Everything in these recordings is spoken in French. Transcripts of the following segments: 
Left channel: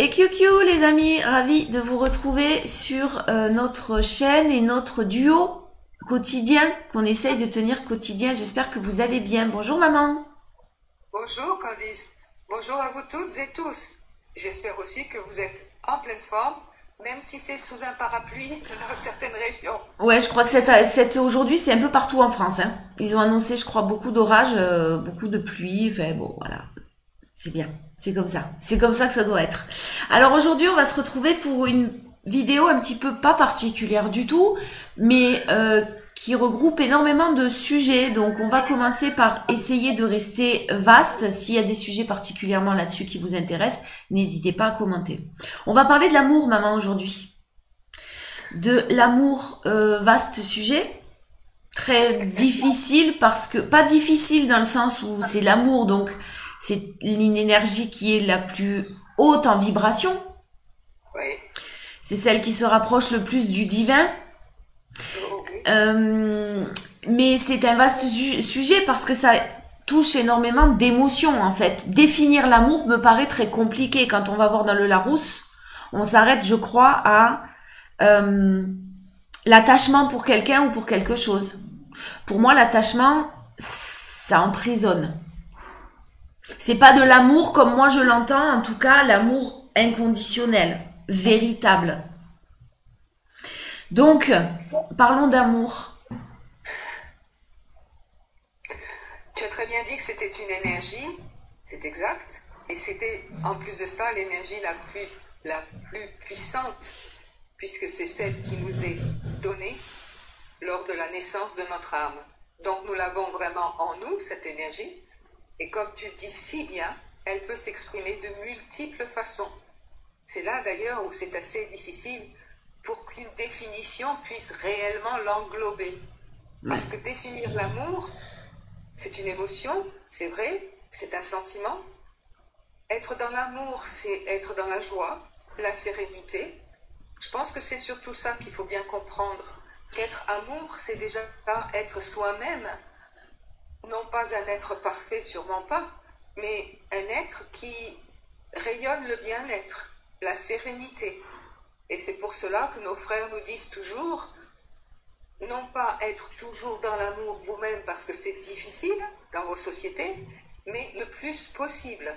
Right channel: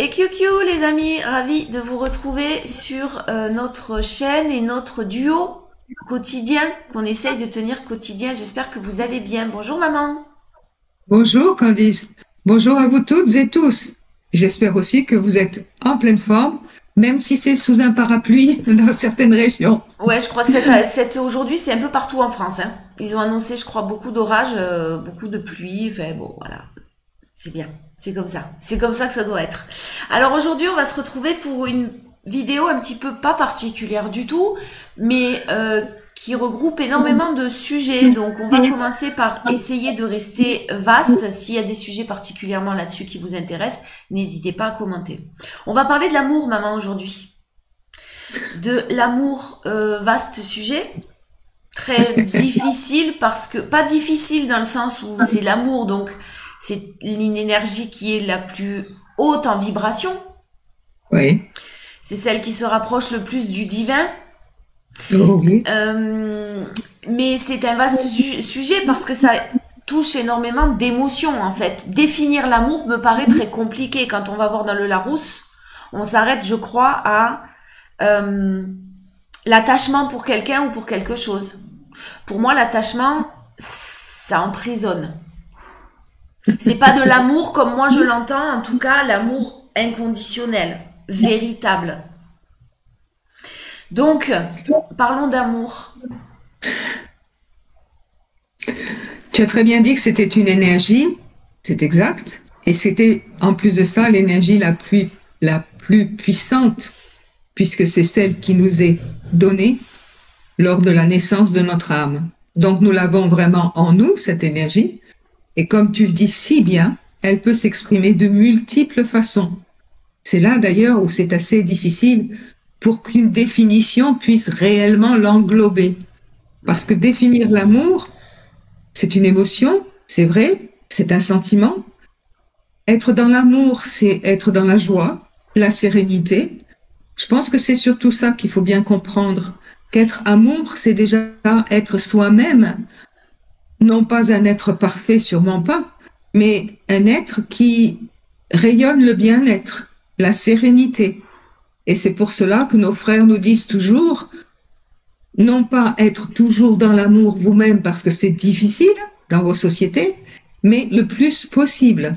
Et QQ les amis, ravi de vous retrouver sur notre chaîne et notre duo quotidien qu'on essaye de tenir quotidien. J'espère que vous allez bien. Bonjour maman. Bonjour Candice, bonjour à vous toutes et tous. J'espère aussi que vous êtes en pleine forme, même si c'est sous un parapluie dans certaines régions. Ouais, je crois que aujourd'hui c'est un peu partout en France. Hein. Ils ont annoncé, je crois, beaucoup d'orages, beaucoup de pluie. Enfin bon, voilà. C'est bien, c'est comme ça. C'est comme ça que ça doit être. Alors aujourd'hui, on va se retrouver pour une vidéo un petit peu pas particulière du tout, mais qui regroupe énormément de sujets. Donc on va commencer par essayer de rester vaste. S'il y a des sujets particulièrement là-dessus qui vous intéressent, n'hésitez pas à commenter. On va parler de l'amour, maman, aujourd'hui. De l'amour, vaste sujet. Très difficile parce que, pas difficile dans le sens où c'est l'amour, donc c'est une énergie qui est la plus haute en vibration. Oui. C'est celle qui se rapproche le plus du divin. Oh, oui. Mais c'est un vaste sujet parce que ça touche énormément d'émotions en fait. Définir l'amour me paraît très compliqué. Quand on va voir dans le Larousse, on s'arrête, je crois, à l'attachement pour quelqu'un ou pour quelque chose. Pour moi, l'attachement, ça emprisonne. C'est pas de l'amour comme moi je l'entends, en tout cas l'amour inconditionnel, véritable. Donc, parlons d'amour. Tu as très bien dit que c'était une énergie, c'est exact, et c'était en plus de ça l'énergie la plus puissante, puisque c'est celle qui nous est donnée lors de la naissance de notre âme. Donc nous l'avons vraiment en nous, cette énergie. Et comme tu le dis si bien, elle peut s'exprimer de multiples façons. C'est là d'ailleurs où c'est assez difficile pour qu'une définition puisse réellement l'englober. Parce que définir l'amour, c'est une émotion, c'est vrai, c'est un sentiment. Être dans l'amour, c'est être dans la joie, la sérénité. Je pense que c'est surtout ça qu'il faut bien comprendre. Qu'être amour, c'est déjà être soi-même, non pas un être parfait, sûrement pas, mais un être qui rayonne le bien-être, la sérénité. Et c'est pour cela que nos frères nous disent toujours, non pas être toujours dans l'amour vous-même parce que c'est difficile dans vos sociétés, mais le plus possible,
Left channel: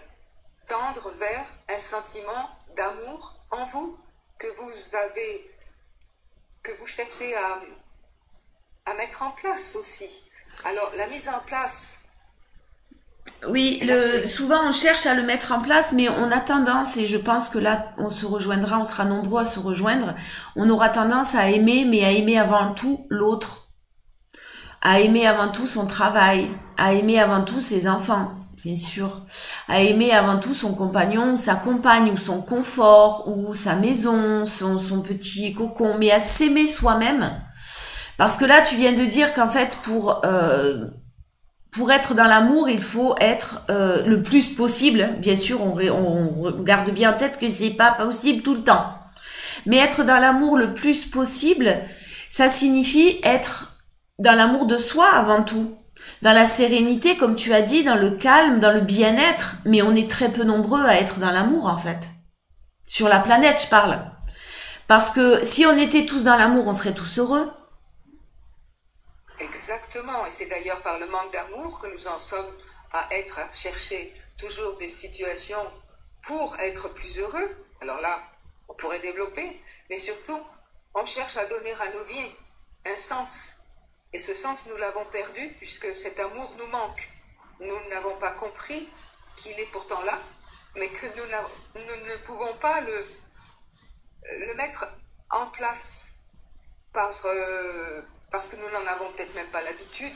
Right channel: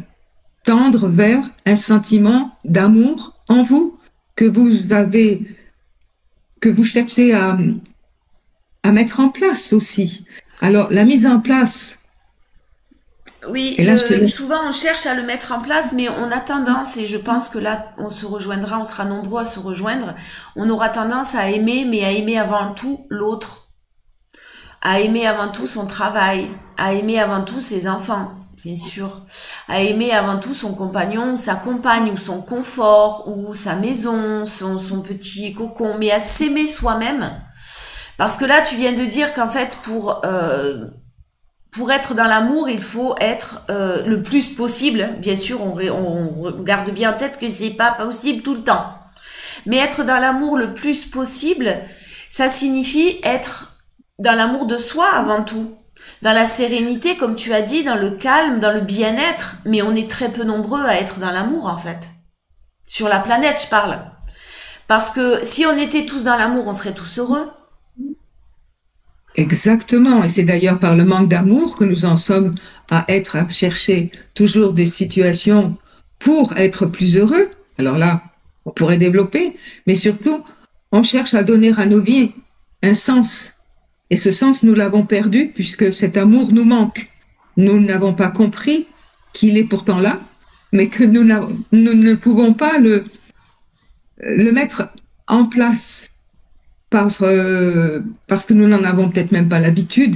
tendre vers un sentiment d'amour en vous que vous avez, que vous cherchez à mettre en place aussi. Alors, la mise en place, Oui, et là je te laisse. souvent on cherche à le mettre en place, mais on a tendance, et je pense que là on se rejoindra, on sera nombreux à se rejoindre, on aura tendance à aimer, mais à aimer avant tout l'autre, à aimer avant tout son travail, à aimer avant tout ses enfants, bien sûr, à aimer avant tout son compagnon, sa compagne, ou son confort, ou sa maison, son petit cocon, mais à s'aimer soi-même. Parce que là, tu viens de dire qu'en fait, pour être dans l'amour, il faut être le plus possible. Bien sûr, on garde bien en tête que c'est pas possible tout le temps. Mais être dans l'amour le plus possible, ça signifie être dans l'amour de soi avant tout. Dans la sérénité, comme tu as dit, dans le calme, dans le bien-être. Mais on est très peu nombreux à être dans l'amour, en fait. Sur la planète, je parle. Parce que si on était tous dans l'amour, on serait tous heureux. Exactement, et c'est d'ailleurs par le manque d'amour que nous en sommes à chercher toujours des situations pour être plus heureux. Alors là, on pourrait développer, mais surtout, on cherche à donner à nos vies un sens. Et ce sens, nous l'avons perdu puisque cet amour nous manque. Nous n'avons pas compris qu'il est pourtant là, mais que nous ne pouvons pas le mettre en place parce que nous n'en avons peut-être même pas l'habitude.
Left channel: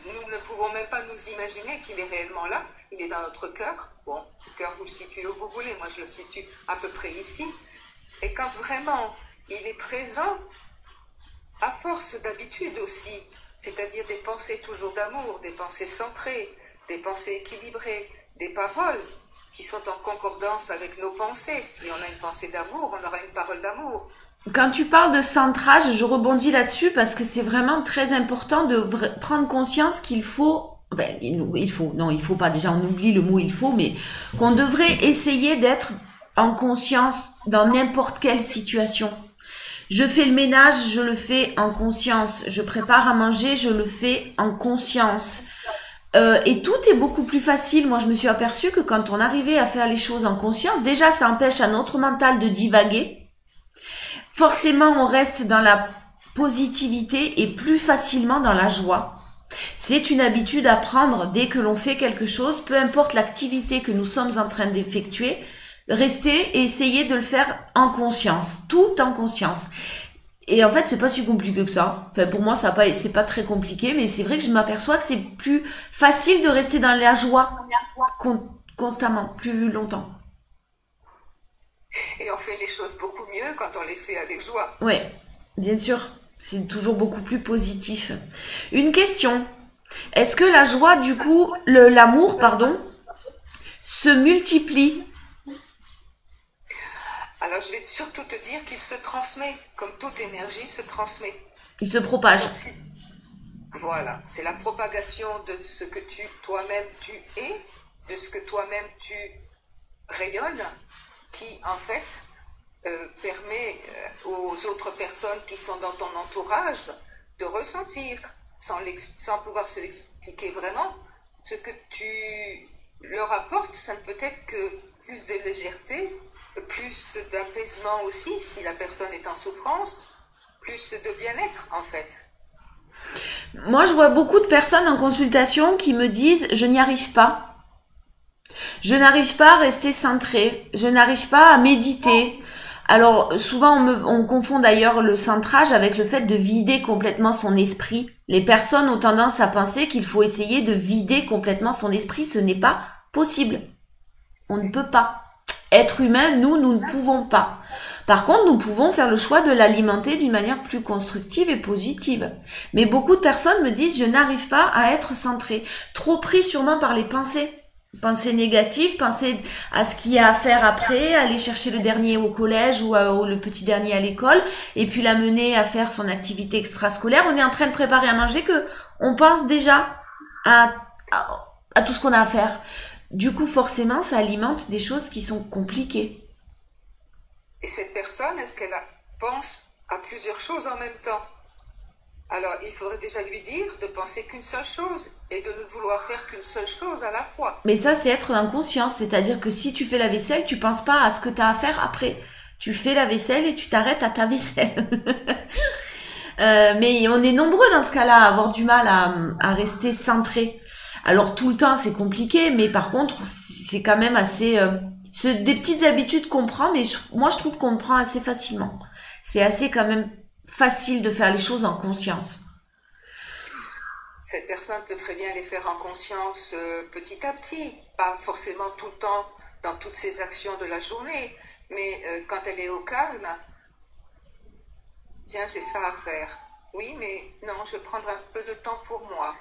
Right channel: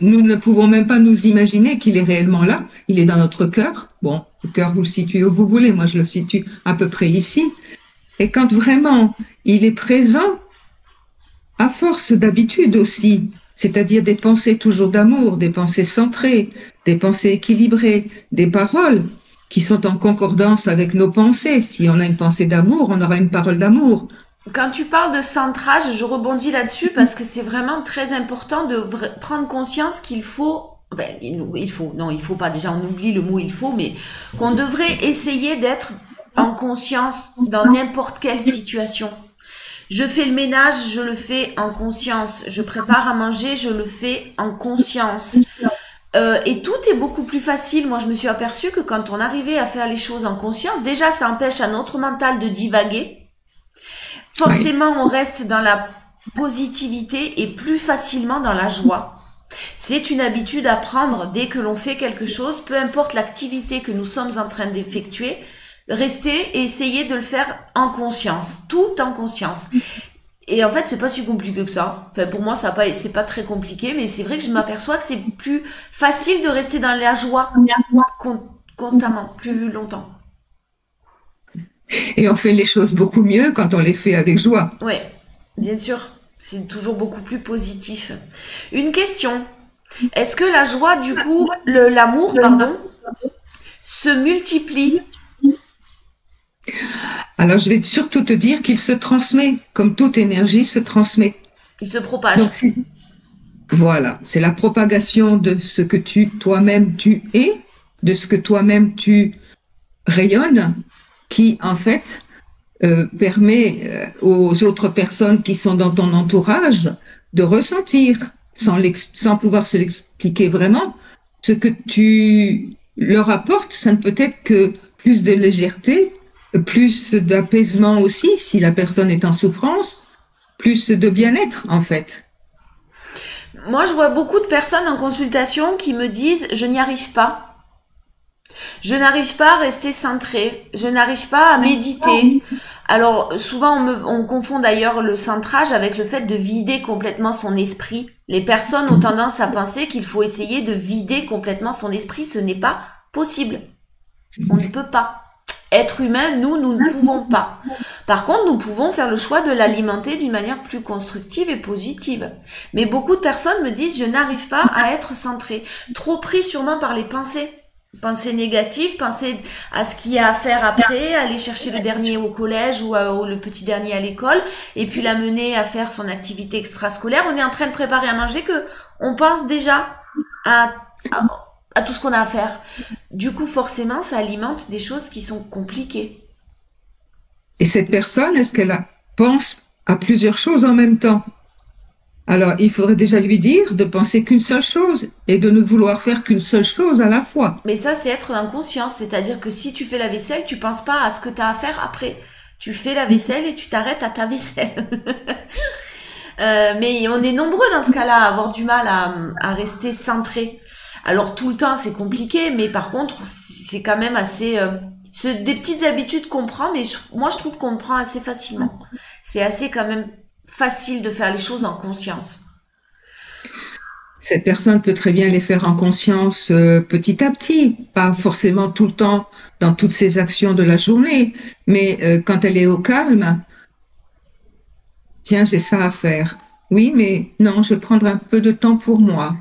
Nous ne pouvons même pas nous imaginer qu'il est réellement là. Il est dans notre cœur. Bon, le cœur, vous le situez où vous voulez. Moi, je le situe à peu près ici. Et quand vraiment il est présent, à force d'habitude aussi, c'est-à-dire des pensées toujours d'amour, des pensées centrées, des pensées équilibrées, des paroles qui sont en concordance avec nos pensées. Si on a une pensée d'amour, on aura une parole d'amour. Quand tu parles de centrage, je rebondis là-dessus parce que c'est vraiment très important de prendre conscience qu'il faut, non, il faut pas, déjà on oublie le mot il faut, mais qu'on devrait essayer d'être en conscience dans n'importe quelle situation. Je fais le ménage, je le fais en conscience. Je prépare à manger, je le fais en conscience. Et tout est beaucoup plus facile. Moi, je me suis aperçue que quand on arrivait à faire les choses en conscience, déjà, ça empêche à notre mental de divaguer. Forcément, on reste dans la positivité et plus facilement dans la joie. C'est une habitude à prendre dès que l'on fait quelque chose, peu importe l'activité que nous sommes en train d'effectuer, rester et essayer de le faire en conscience, tout en conscience. Et en fait, c'est pas si compliqué que ça. Enfin, pour moi, c'est pas très compliqué, mais c'est vrai que je m'aperçois que c'est plus facile de rester dans la joie constamment, plus longtemps. Et on fait les choses beaucoup mieux quand on les fait avec joie. Ouais, bien sûr. C'est toujours beaucoup plus positif. Une question. Est-ce que la joie, du coup, l'amour, pardon, se multiplie? Alors, je vais surtout te dire qu'il se transmet, comme toute énergie se transmet. Il se propage. Donc, voilà, c'est la propagation de ce que toi-même tu es, de ce que toi-même tu rayonnes, qui en fait permet aux autres personnes qui sont dans ton entourage de ressentir, sans pouvoir se l'expliquer vraiment, ce que tu leur apportes. Ça ne peut être que plus de légèreté, plus d'apaisement aussi, si la personne est en souffrance, plus de bien-être en fait. Moi, je vois beaucoup de personnes en consultation qui me disent « je n'y arrive pas ». Je n'arrive pas à rester centrée, je n'arrive pas à méditer. Alors souvent on confond d'ailleurs le centrage avec le fait de vider complètement son esprit. Les personnes ont tendance à penser qu'il faut essayer de vider complètement son esprit. Ce n'est pas possible. On ne peut pas. Être humain, nous ne pouvons pas. Par contre, nous pouvons faire le choix de l'alimenter d'une manière plus constructive et positive. Mais beaucoup de personnes me disent « je n'arrive pas à être centrée ». Trop pris sûrement par les pensées. Penser négative, penser à ce qu'il y a à faire après, aller chercher le dernier au collège ou le petit dernier à l'école, et puis l'amener à faire son activité extrascolaire. On est en train de préparer à manger que on pense déjà à tout ce qu'on a à faire. Du coup, forcément, ça alimente des choses qui sont compliquées. Et cette personne, est-ce qu'elle pense à plusieurs choses en même temps? Alors, il faudrait déjà lui dire de penser qu'une seule chose et de ne vouloir faire qu'une seule chose à la fois. Mais ça, c'est être en conscience. C'est-à-dire que si tu fais la vaisselle, tu penses pas à ce que tu as à faire après. Tu fais la vaisselle et tu t'arrêtes à ta vaisselle. Mais on est nombreux dans ce cas-là à avoir du mal à rester centré. Alors, tout le temps, c'est compliqué, mais par contre, c'est quand même assez... c'est des petites habitudes qu'on prend, mais moi, je trouve qu'on prend assez facilement. C'est assez quand même facile de faire les choses en conscience. Cette personne peut très bien les faire en conscience petit à petit, pas forcément tout le temps dans toutes ses actions de la journée, mais quand elle est au calme, tiens, j'ai ça à faire. Oui, mais non, je vais prendre un peu de temps pour moi.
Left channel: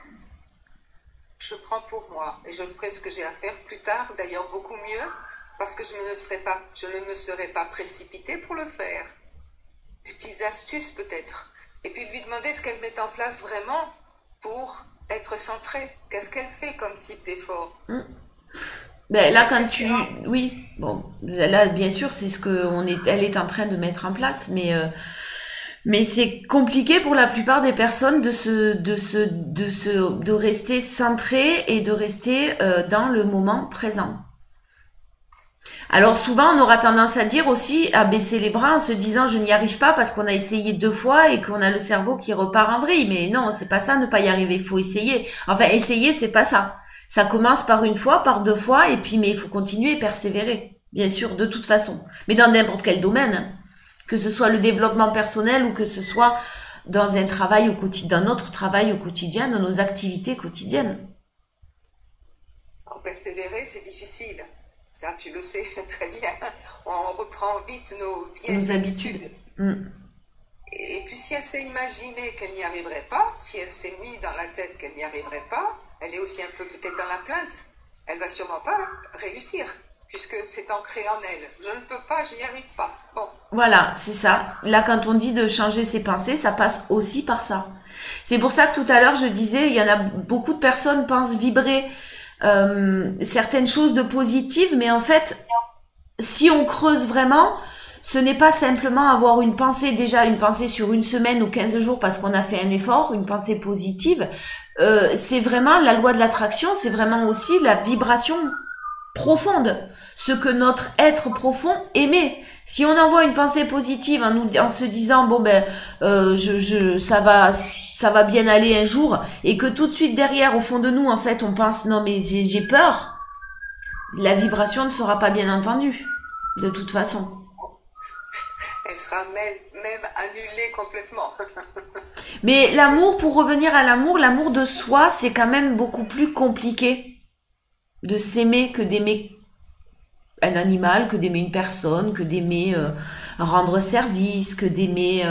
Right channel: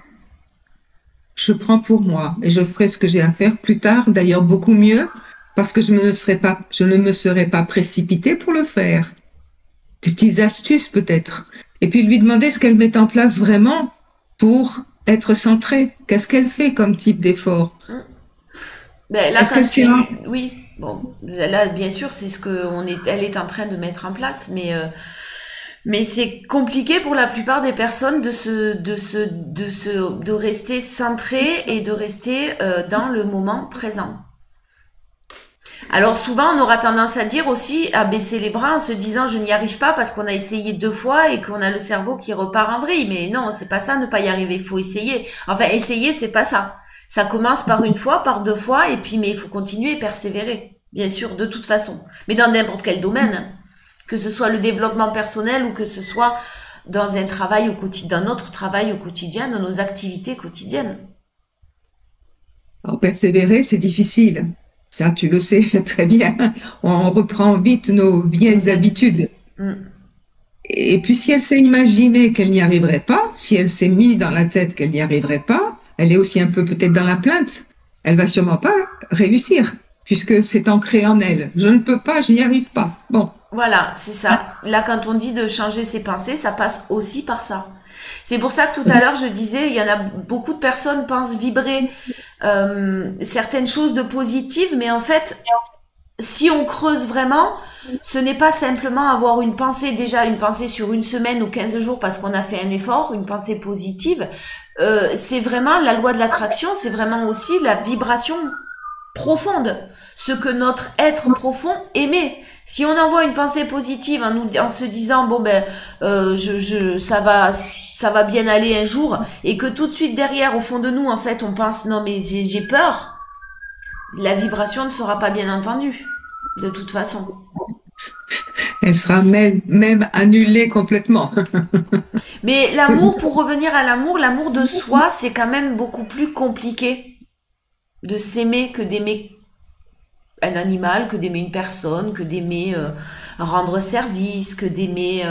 Je prends pour moi et je ferai ce que j'ai à faire plus tard, d'ailleurs beaucoup mieux, parce que je ne me serais pas précipitée pour le faire. Des petites astuces peut-être. Et puis lui demander ce qu'elle met en place vraiment pour être centrée. Qu'est-ce qu'elle fait comme type d'effort? Ben là, oui, bon, là, bien sûr, c'est ce que elle est en train de mettre en place, mais c'est compliqué pour la plupart des personnes de rester centré et de rester dans le moment présent. Alors souvent, on aura tendance à dire aussi, à baisser les bras en se disant je n'y arrive pas parce qu'on a essayé 2 fois et qu'on a le cerveau qui repart en vrille. Mais non, c'est pas ça, ne pas y arriver. Il faut essayer. Enfin, essayer, c'est pas ça. Ça commence par 1 fois, par 2 fois, et puis mais il faut continuer et persévérer. Bien sûr, de toute façon. Mais dans n'importe quel domaine. Hein. Que ce soit le développement personnel ou que ce soit dans un travail au quotidien, dans notre travail au quotidien, dans nos activités quotidiennes. Alors, persévérer, c'est difficile. Ça, tu le sais très bien. On reprend vite nos vieilles habitudes. Et puis, si elle s'est imaginé qu'elle n'y arriverait pas, si elle s'est mis dans la tête qu'elle n'y arriverait pas, elle est aussi un peu peut-être dans la plainte. Elle va sûrement pas réussir, puisque c'est ancré en elle. Je ne peux pas, je n'y arrive pas. Bon. Voilà, c'est ça. Là, quand on dit de changer ses pensées, ça passe aussi par ça. C'est pour ça que tout à l'heure, je disais, il y en a beaucoup de personnes pensent vibrer certaines choses de positives, mais en fait, si on creuse vraiment, ce n'est pas simplement avoir une pensée, déjà une pensée sur une semaine ou 15 jours parce qu'on a fait un effort, une pensée positive. C'est vraiment la loi de l'attraction, c'est vraiment aussi la vibration profonde, ce que notre être profond aimait. Si on envoie une pensée positive en se disant bon ben ça va bien aller un jour, et que tout de suite derrière au fond de nous en fait on pense non mais j'ai peur, la vibration ne sera pas bien entendue de toute façon. Elle sera même annulée complètement. Mais l'amour, pour revenir à l'amour de soi, c'est quand même beaucoup plus compliqué de s'aimer que d'aimer un animal, que d'aimer une personne, que d'aimer rendre service, que d'aimer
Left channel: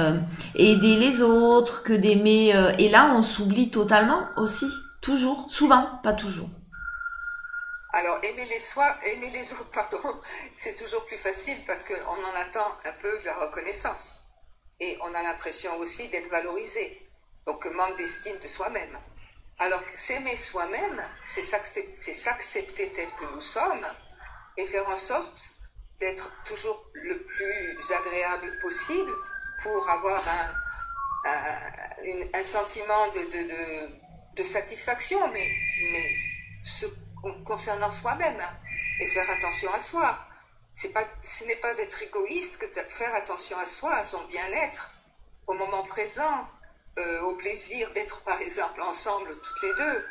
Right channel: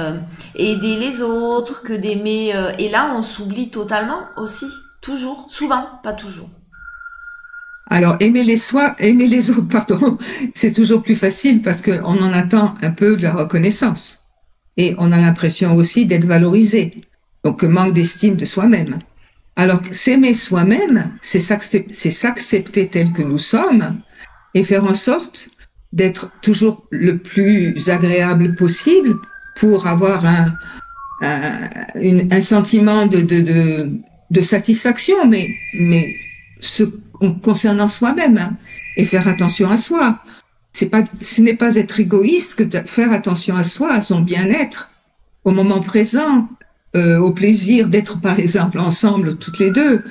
aider les autres, que d'aimer... et là, on s'oublie totalement aussi. Toujours. Souvent, pas toujours. Alors, aimer les autres, pardon, c'est toujours plus facile parce qu'on en attend un peu de la reconnaissance. Et on a l'impression aussi d'être valorisé. Donc, manque d'estime de soi-même. Alors, s'aimer soi-même, c'est s'accepter tel que nous sommes et faire en sorte d'être toujours le plus agréable possible pour avoir un sentiment de satisfaction, ce, concernant soi-même, hein, et faire attention à soi. Ce n'est pas être égoïste que de faire attention à soi, à son bien-être, au moment présent, au plaisir d'être par exemple ensemble toutes les deux.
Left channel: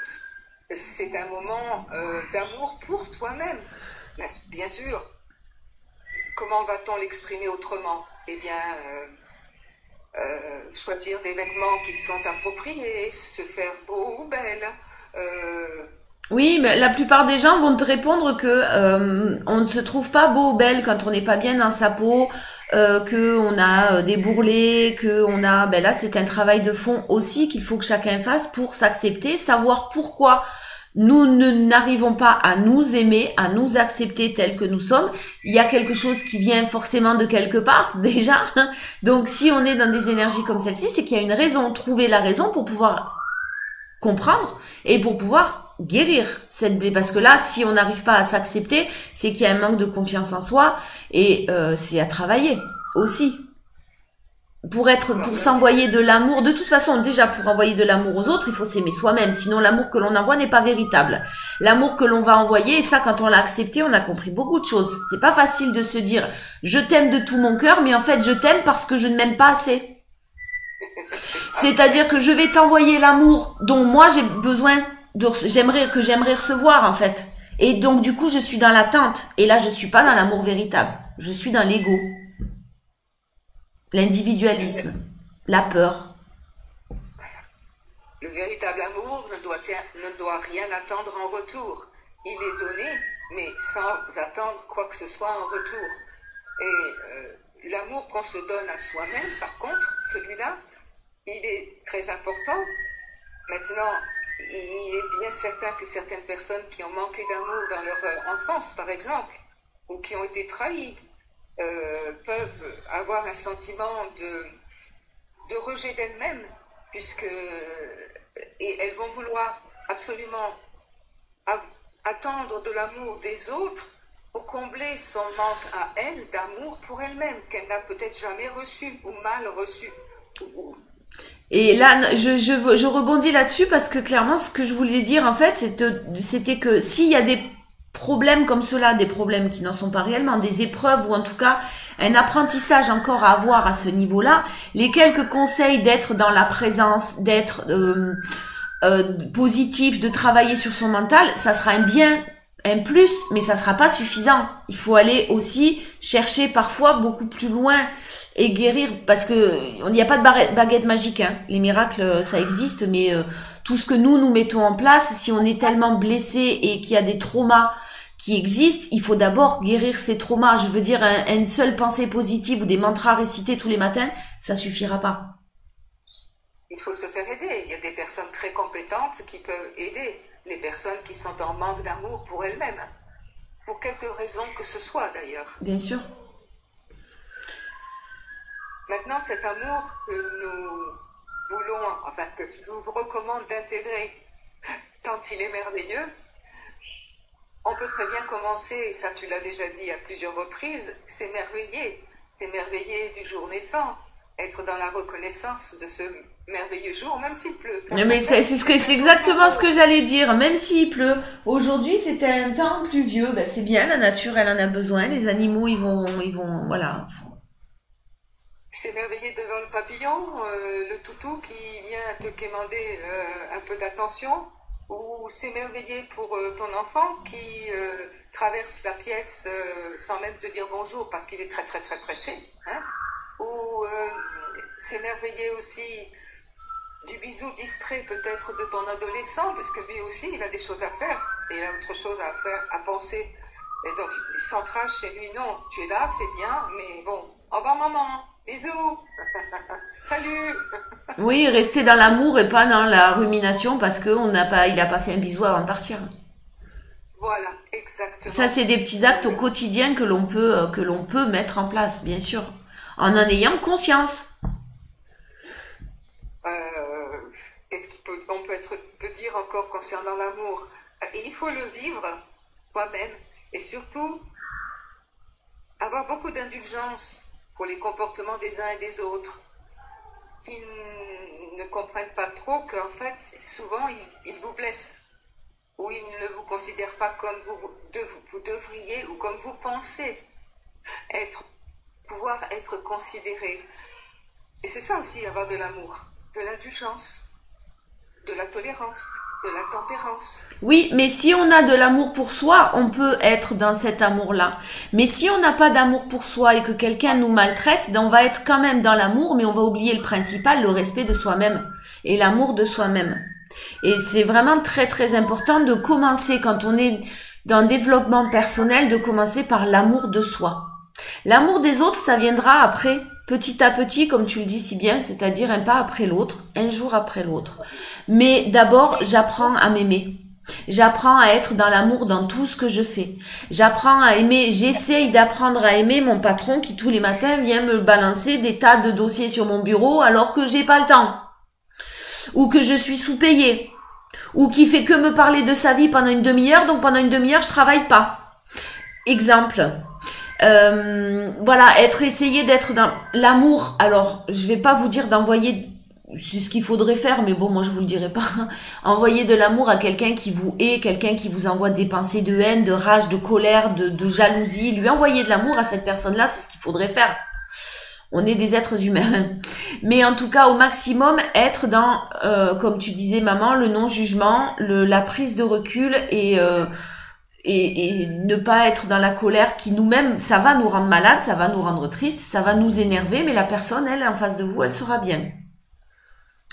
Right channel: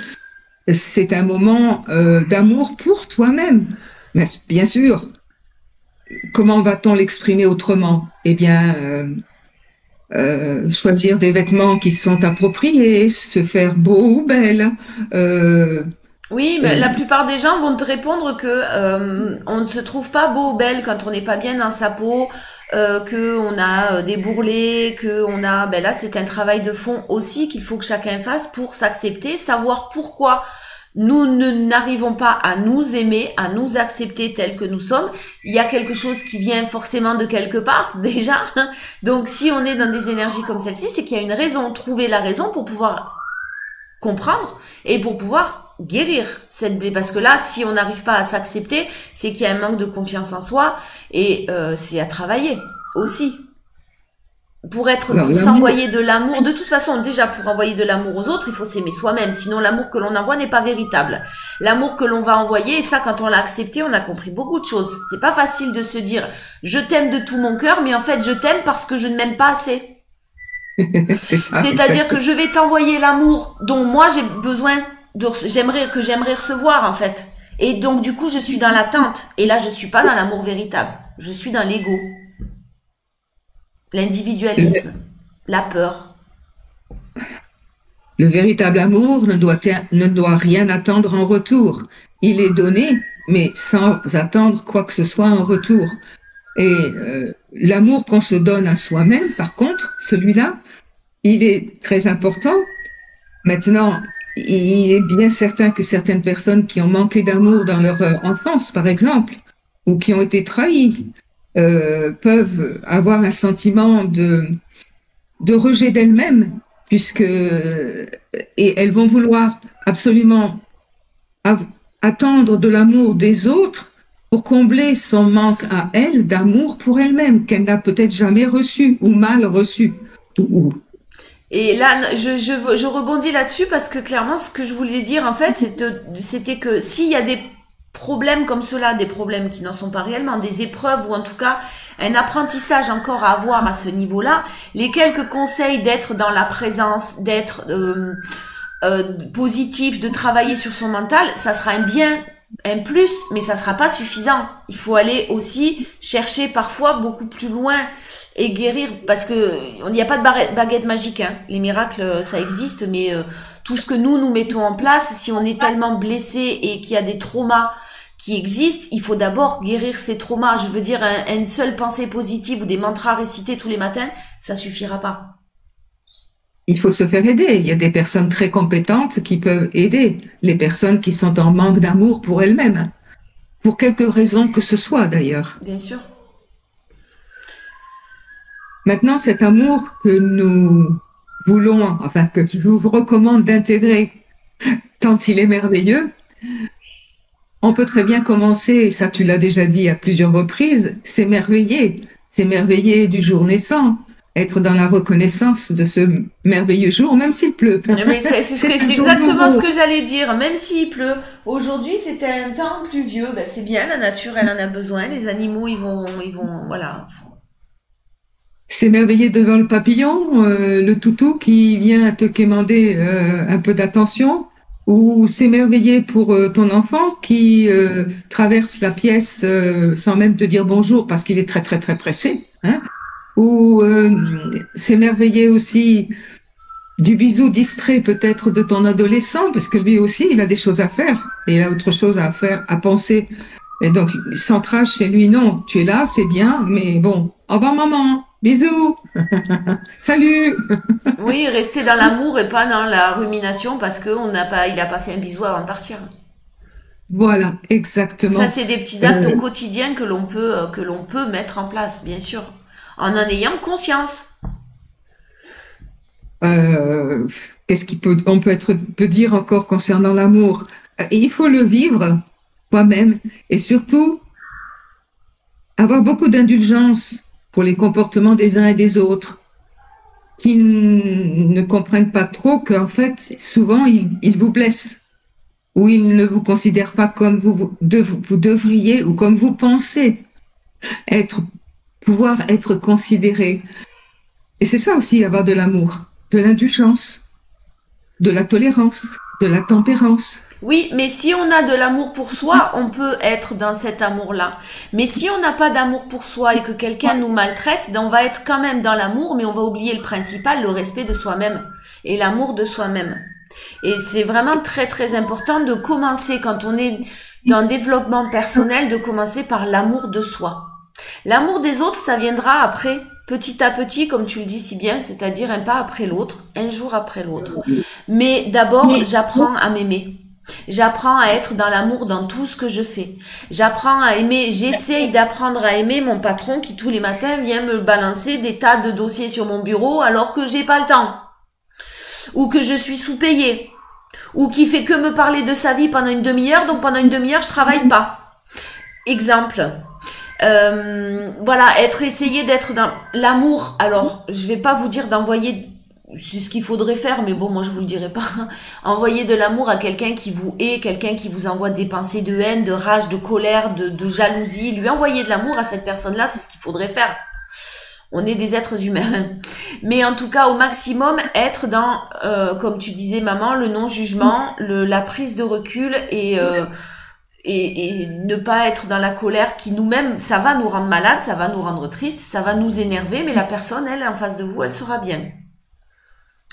C'est un moment d'amour pour soi-même. Mais bien sûr, comment va-t-on l'exprimer autrement? Eh bien, choisir des vêtements qui sont appropriés, se faire beau ou belle. Euh, Oui, mais euh, la plupart des gens vont te répondre que on ne se trouve pas beau ou belle quand on n'est pas bien dans sa peau, que on a des bourrelets, que on a ben là c'est un travail de fond aussi qu'il faut que chacun fasse pour s'accepter, savoir pourquoi nous n'arrivons pas à nous aimer, à nous accepter tels que nous sommes. Il y a quelque chose qui vient forcément de quelque part déjà. Donc si on est dans des énergies comme celle-ci, c'est qu'il y a une raison, trouver la raison pour pouvoir comprendre et pour pouvoir guérir cette blessure. Parce que là, si on n'arrive pas à s'accepter, c'est qu'il y a un manque de confiance en soi, et c'est à travailler aussi. alors, Pour l'amour, s'envoyer de l'amour, de toute façon, déjà pour envoyer de l'amour aux autres, il faut s'aimer soi-même. Sinon, l'amour que l'on envoie n'est pas véritable. L'amour que l'on va envoyer, et ça, quand on l'a accepté, on a compris beaucoup de choses. C'est pas facile de se dire, je t'aime de tout mon cœur, mais en fait, je t'aime parce que je ne m'aime pas assez. c'est ça, C'est-à-dire que je vais t'envoyer l'amour dont moi j'ai besoin, j'aimerais recevoir en fait. Et donc du coup je suis dans l'attente. Et là je suis pas dans l'amour véritable. Je suis dans l'ego, l'individualisme, la peur. le véritable amour ne doit rien attendre en retour. Il est donné, mais sans attendre quoi que ce soit en retour. Et l'amour qu'on se donne à soi-même, par contre, celui-là, il est très important. Maintenant, il est bien certain que certaines personnes qui ont manqué d'amour dans leur enfance, par exemple, ou qui ont été trahies, peuvent avoir un sentiment de rejet d'elles-mêmes, et elles vont vouloir absolument av- attendre de l'amour des autres pour combler son manque à elle d'amour pour elle-même, qu'elle n'a peut-être jamais reçu ou mal reçu. Et là, je rebondis là-dessus parce que clairement, ce que je voulais dire, en fait, c'était que s'il y a des problèmes comme cela, des problèmes qui n'en sont pas réellement, des épreuves ou en tout cas un apprentissage encore à avoir à ce niveau-là, les quelques conseils d'être dans la présence, d'être positif, de travailler sur son mental, ça sera un bien, un plus, mais ça sera pas suffisant. Il faut aller aussi chercher parfois beaucoup plus loin et guérir, parce que il n'y a pas de baguette magique, hein. Les miracles, ça existe, mais tout ce que nous mettons en place, si on est tellement blessé et qu'il y a des traumas qui existent, il faut d'abord guérir ces traumas. Je veux dire, une seule pensée positive ou des mantras récités tous les matins, ça suffira pas. Il faut se faire aider. Il y a des personnes très compétentes qui peuvent aider les personnes qui sont en manque d'amour pour elles-mêmes, pour quelque raison que ce soit d'ailleurs. Bien sûr. Maintenant, cet amour que nous voulons, enfin que je vous recommande d'intégrer tant il est merveilleux, on peut très bien commencer, et ça tu l'as déjà dit à plusieurs reprises, s'émerveiller du jour naissant, être dans la reconnaissance de ce merveilleux jour, même s'il pleut. Mais c'est un jour exactement ce nouveau. que j'allais dire. Même s'il pleut, aujourd'hui c'était un temps pluvieux. Ben, c'est bien, la nature elle en a besoin. Les animaux voilà. S'émerveiller devant le papillon, le toutou qui vient te quémander un peu d'attention, ou s'émerveiller pour ton enfant qui traverse la pièce sans même te dire bonjour parce qu'il est très très très pressé, hein, ou s'émerveiller aussi du bisou distrait peut-être de ton adolescent, parce que lui aussi, il a des choses à faire, et il a autre chose à faire, à penser. Et donc, il centrage chez lui, non, tu es là, c'est bien, mais bon, au revoir maman, bisous, salut. Oui, rester dans l'amour et pas dans la rumination parce que il a pas fait un bisou avant de partir. Voilà, Ça, exactement. c'est des petits actes au Euh, quotidien que l'on peut mettre en place, bien sûr, en ayant conscience. euh, qu'est-ce on peut dire encore concernant l'amour? Il faut le vivre toi-même, et surtout avoir beaucoup d'indulgence pour les comportements des uns et des autres, qui ne comprennent pas trop qu'en fait, souvent, ils vous blessent ou ils ne vous considèrent pas comme vous devriez ou comme vous pensez être, pouvoir être considéré. Et c'est ça aussi, avoir de l'amour, de l'indulgence, de la tolérance, de la tempérance. Oui, mais si on a de l'amour pour soi, on peut être dans cet amour-là. Mais si on n'a pas d'amour pour soi et que quelqu'un nous maltraite, on va être quand même dans l'amour, mais on va oublier le principal, le respect de soi-même et l'amour de soi-même. Et c'est vraiment très très important de commencer quand on est dans le développement personnel, de commencer par l'amour de soi. L'amour des autres, ça viendra après, petit à petit, comme tu le dis si bien, c'est-à-dire un pas après l'autre, un jour après l'autre. Mais d'abord, j'apprends à m'aimer. J'apprends à être dans l'amour dans tout ce que je fais. J'apprends à aimer, j'essaye d'apprendre à aimer mon patron qui tous les matins vient me balancer des tas de dossiers sur mon bureau alors que j'ai pas le temps. Ou que je suis sous-payée. Ou qui fait que me parler de sa vie pendant une demi-heure, donc pendant une demi-heure je travaille pas. Exemple. Voilà, essayer d'être dans l'amour. Alors, je vais pas vous dire d'envoyer, c'est ce qu'il faudrait faire, mais bon, moi je vous le dirai pas. Envoyer de l'amour à quelqu'un qui vous hait, quelqu'un qui vous envoie des pensées de haine, de rage, de colère, de jalousie. Lui envoyer de l'amour à cette personne-là, c'est ce qu'il faudrait faire. On est des êtres humains. Mais en tout cas, au maximum, être dans, comme tu disais, maman, le non-jugement, la prise de recul et ne pas être dans la colère qui nous-mêmes, ça va nous rendre malades, ça va nous rendre tristes, ça va nous énerver, mais la personne, elle, en face de vous, elle sera bien.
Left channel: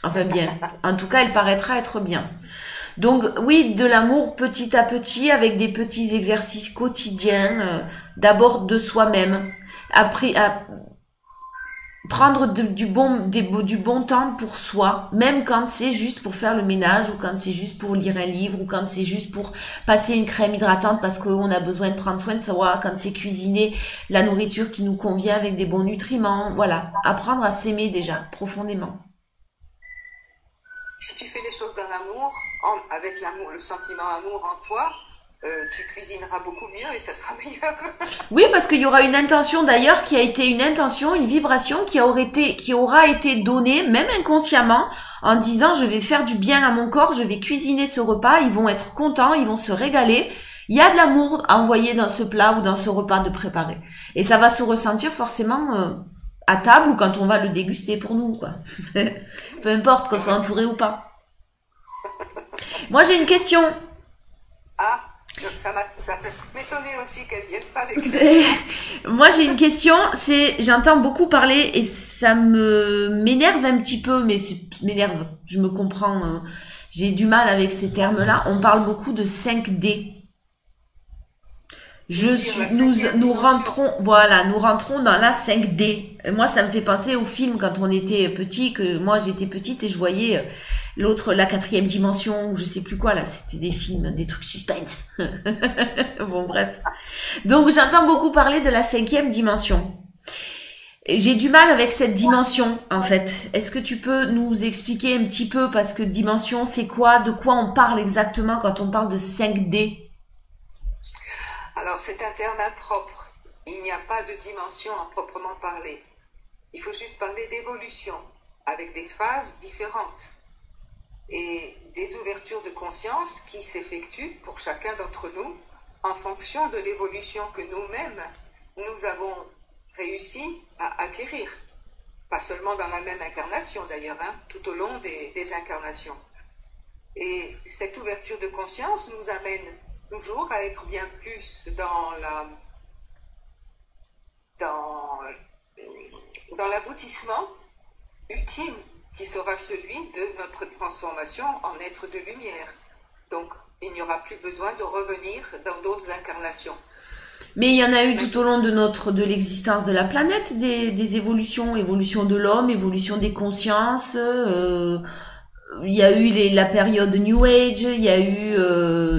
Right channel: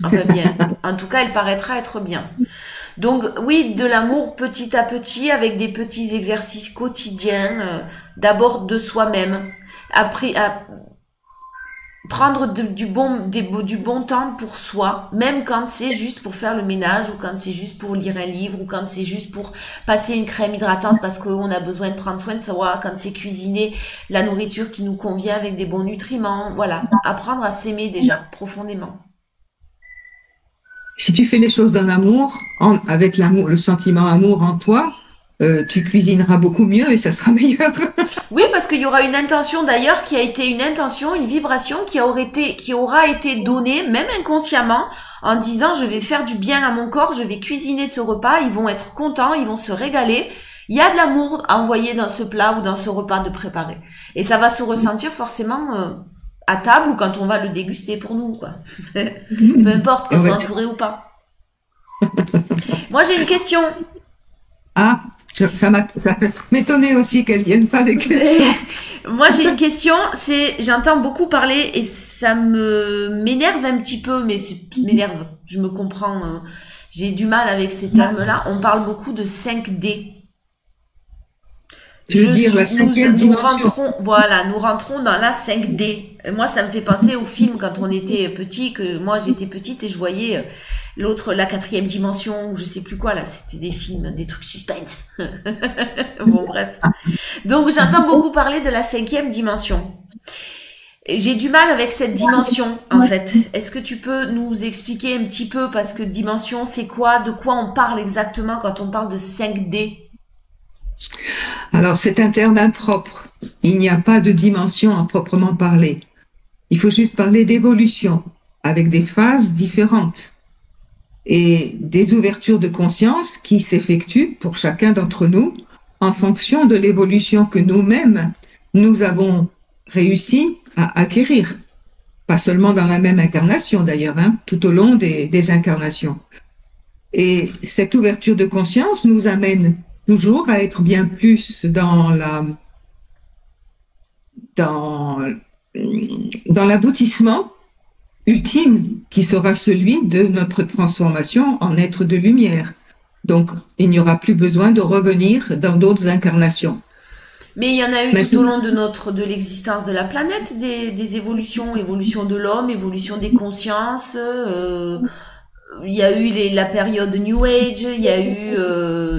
Enfin bien. En tout cas, elle paraîtra être bien. Donc oui, de l'amour petit à petit, avec des petits exercices quotidiens, d'abord de soi-même. Après, prendre du bon temps pour soi, même quand c'est juste pour faire le ménage ou quand c'est juste pour lire un livre ou quand c'est juste pour passer une crème hydratante parce qu'on a besoin de prendre soin de soi, quand c'est cuisiner la nourriture qui nous convient avec des bons nutriments. Voilà, apprendre à s'aimer déjà profondément. Si tu fais les choses dans l'amour, avec l'amour, le sentiment amour en toi, tu cuisineras beaucoup mieux et ça sera meilleur. Oui, parce qu'il y aura une intention d'ailleurs qui a été une intention, une vibration qui aura été donnée, même inconsciemment, en disant je vais faire du bien à mon corps, je vais cuisiner ce repas, ils vont être contents, ils vont se régaler. Il y a de l'amour à envoyer dans ce plat ou dans ce repas de préparer. Et ça va se ressentir forcément à table ou quand on va le déguster pour nous, quoi. Peu importe qu'on soit Ouais. entouré ou pas. Moi j'ai une question. Ah, ça m'étonnait aussi qu'elles viennent pas des questions. Moi, j'ai une question. J'entends beaucoup parler et ça m'énerve un petit peu, mais m'énerve. Je me comprends. J'ai du mal avec ces termes-là. On parle beaucoup de 5D. Je veux dire, la cinquième Nous dimension. rentrons, voilà, nous rentrons dans la 5D. Et moi, ça me fait penser au film quand on était petit, que moi j'étais petite et je voyais l'autre, la quatrième dimension, ou je sais plus quoi là. C'était des films, des trucs suspense. Bon, bref. Donc j'entends beaucoup parler de la cinquième dimension. J'ai du mal avec cette dimension, en fait. Est-ce que tu peux nous expliquer un petit peu, parce que dimension, c'est quoi? De quoi on parle exactement quand on parle de 5D? Alors, c'est un terme impropre. Il n'y a pas de dimension à proprement parler. Il faut juste parler d'évolution, avec des phases différentes et des ouvertures de conscience qui s'effectuent pour chacun d'entre nous en fonction de l'évolution que nous-mêmes, nous avons réussi à acquérir. Pas seulement dans la même incarnation d'ailleurs, hein, tout au long des incarnations. Et cette ouverture de conscience nous amène toujours à être bien plus dans, dans l'aboutissement ultime qui sera celui de notre transformation en être de lumière. Donc, il n'y aura plus besoin de revenir dans d'autres incarnations. Mais il y en a eu tout au Maintenant, long de l'existence de la planète, des évolutions, évolution de l'homme, évolution des consciences, il y a eu la période New Age, il y a eu,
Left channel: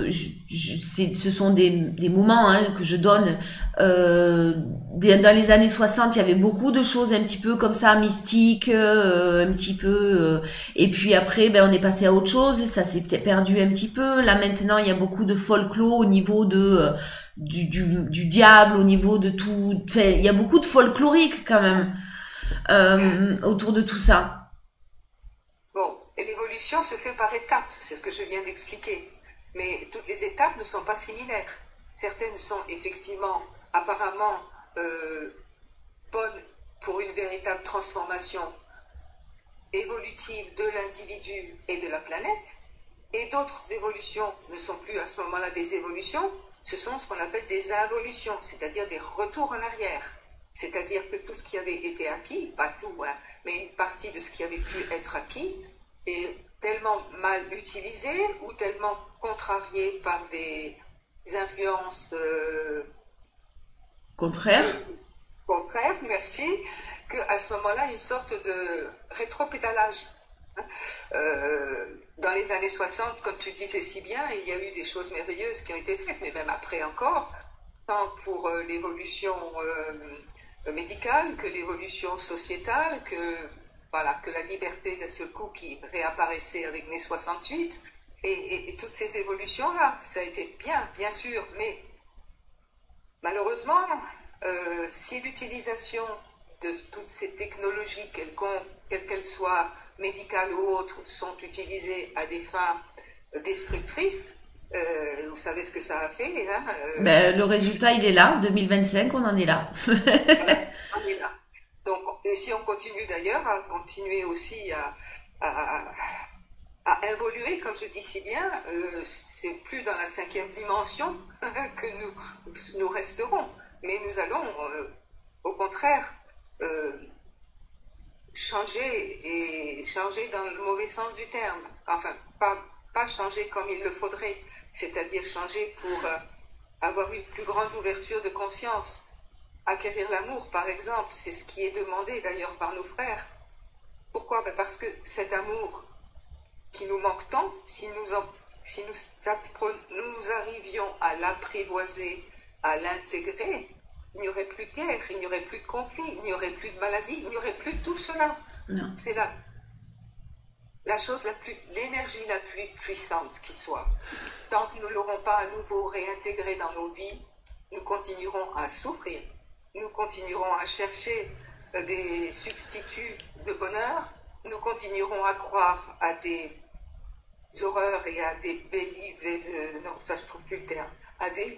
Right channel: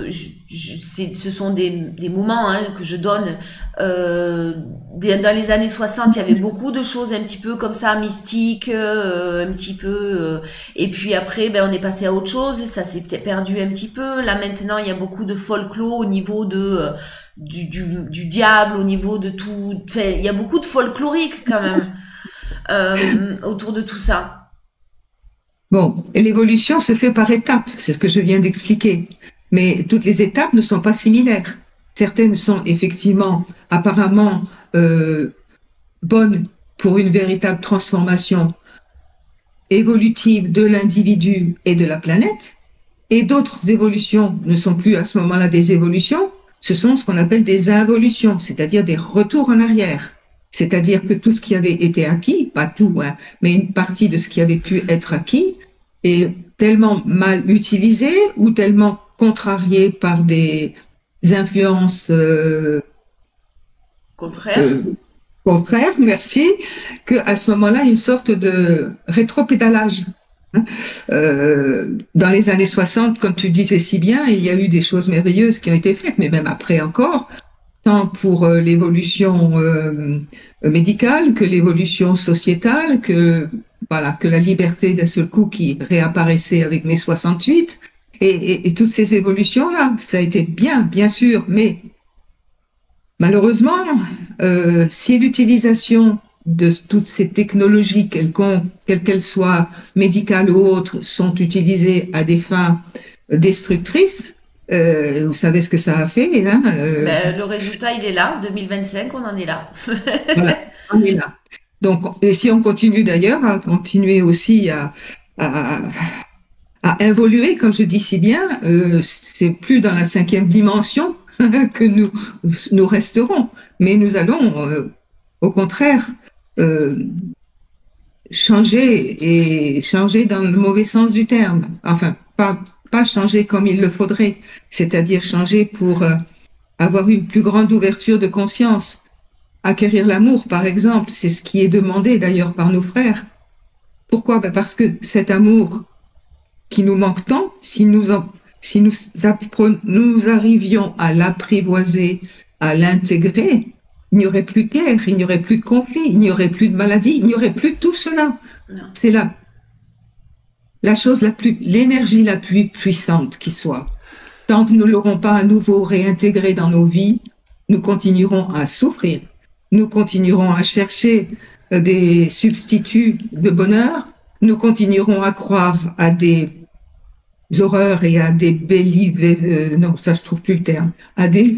ce sont des moments hein, que je donne. Dans les années 60, il y avait beaucoup de choses un petit peu comme ça, mystiques, un petit peu. Et puis après, ben on est passé à autre chose. Ça s'est perdu un petit peu. Là maintenant, il y a beaucoup de folklore au niveau de du diable, au niveau de tout. Enfin, il y a beaucoup de folklorique quand même autour de tout ça. bon, et l'évolution se fait par étapes, c'est ce que je viens d'expliquer. Mais toutes les étapes ne sont pas similaires. Certaines sont effectivement apparemment euh, bonnes pour une véritable transformation évolutive de l'individu et de la planète, et d'autres évolutions ne sont plus à ce moment-là des évolutions, ce sont ce qu'on appelle des involutions, c'est-à-dire des retours en arrière. C'est-à-dire que tout ce qui avait été acquis, pas tout, hein, mais une partie de ce qui avait pu être acquis, est tellement mal utilisé ou tellement contrarié par des influences Contraire. euh, contraires, merci, qu'à ce moment-là, il y a une sorte de rétropédalage. Hein. Dans les années 60, comme tu disais si bien, il y a eu des choses merveilleuses qui ont été faites, mais même après encore, tant pour l'évolution médicale que l'évolution sociétale, que, voilà, que la liberté d'un seul coup qui réapparaissait avec mai 68, et toutes ces évolutions-là, ça a été bien, bien sûr, mais malheureusement, si l'utilisation de toutes ces technologies quelconques, quelles qu'elles soient, médicales ou autres, sont utilisées à des fins destructrices, vous savez ce que ça a fait, hein, Ben, le résultat, il est là. 2025, on en est là. voilà, on est là. Donc, et si on continue d'ailleurs à continuer aussi à, à évoluer, comme je dis si bien, c'est plus dans la cinquième dimension que nous resterons, mais nous allons, au contraire, euh, changer et changer dans le mauvais sens du terme. Enfin, pas changer comme il le faudrait, c'est-à-dire changer pour avoir une plus grande ouverture de conscience. Acquérir l'amour, par exemple, c'est ce qui est demandé d'ailleurs par nos frères. Pourquoi? Ben parce que cet amour qui nous manque tant, si nous arrivions à l'apprivoiser, à l'intégrer, il n'y aurait plus de guerre, il n'y aurait plus de conflit, il n'y aurait plus de maladie, il n'y aurait plus de tout cela. Non. C'est la chose l'énergie la plus puissante qui soit. Tant que nous ne l'aurons pas à nouveau réintégré dans nos vies, nous continuerons à souffrir. Nous continuerons à chercher des substituts de bonheur. Nous continuerons à croire à des horreurs et à des non, ça je trouve plus le terme, à des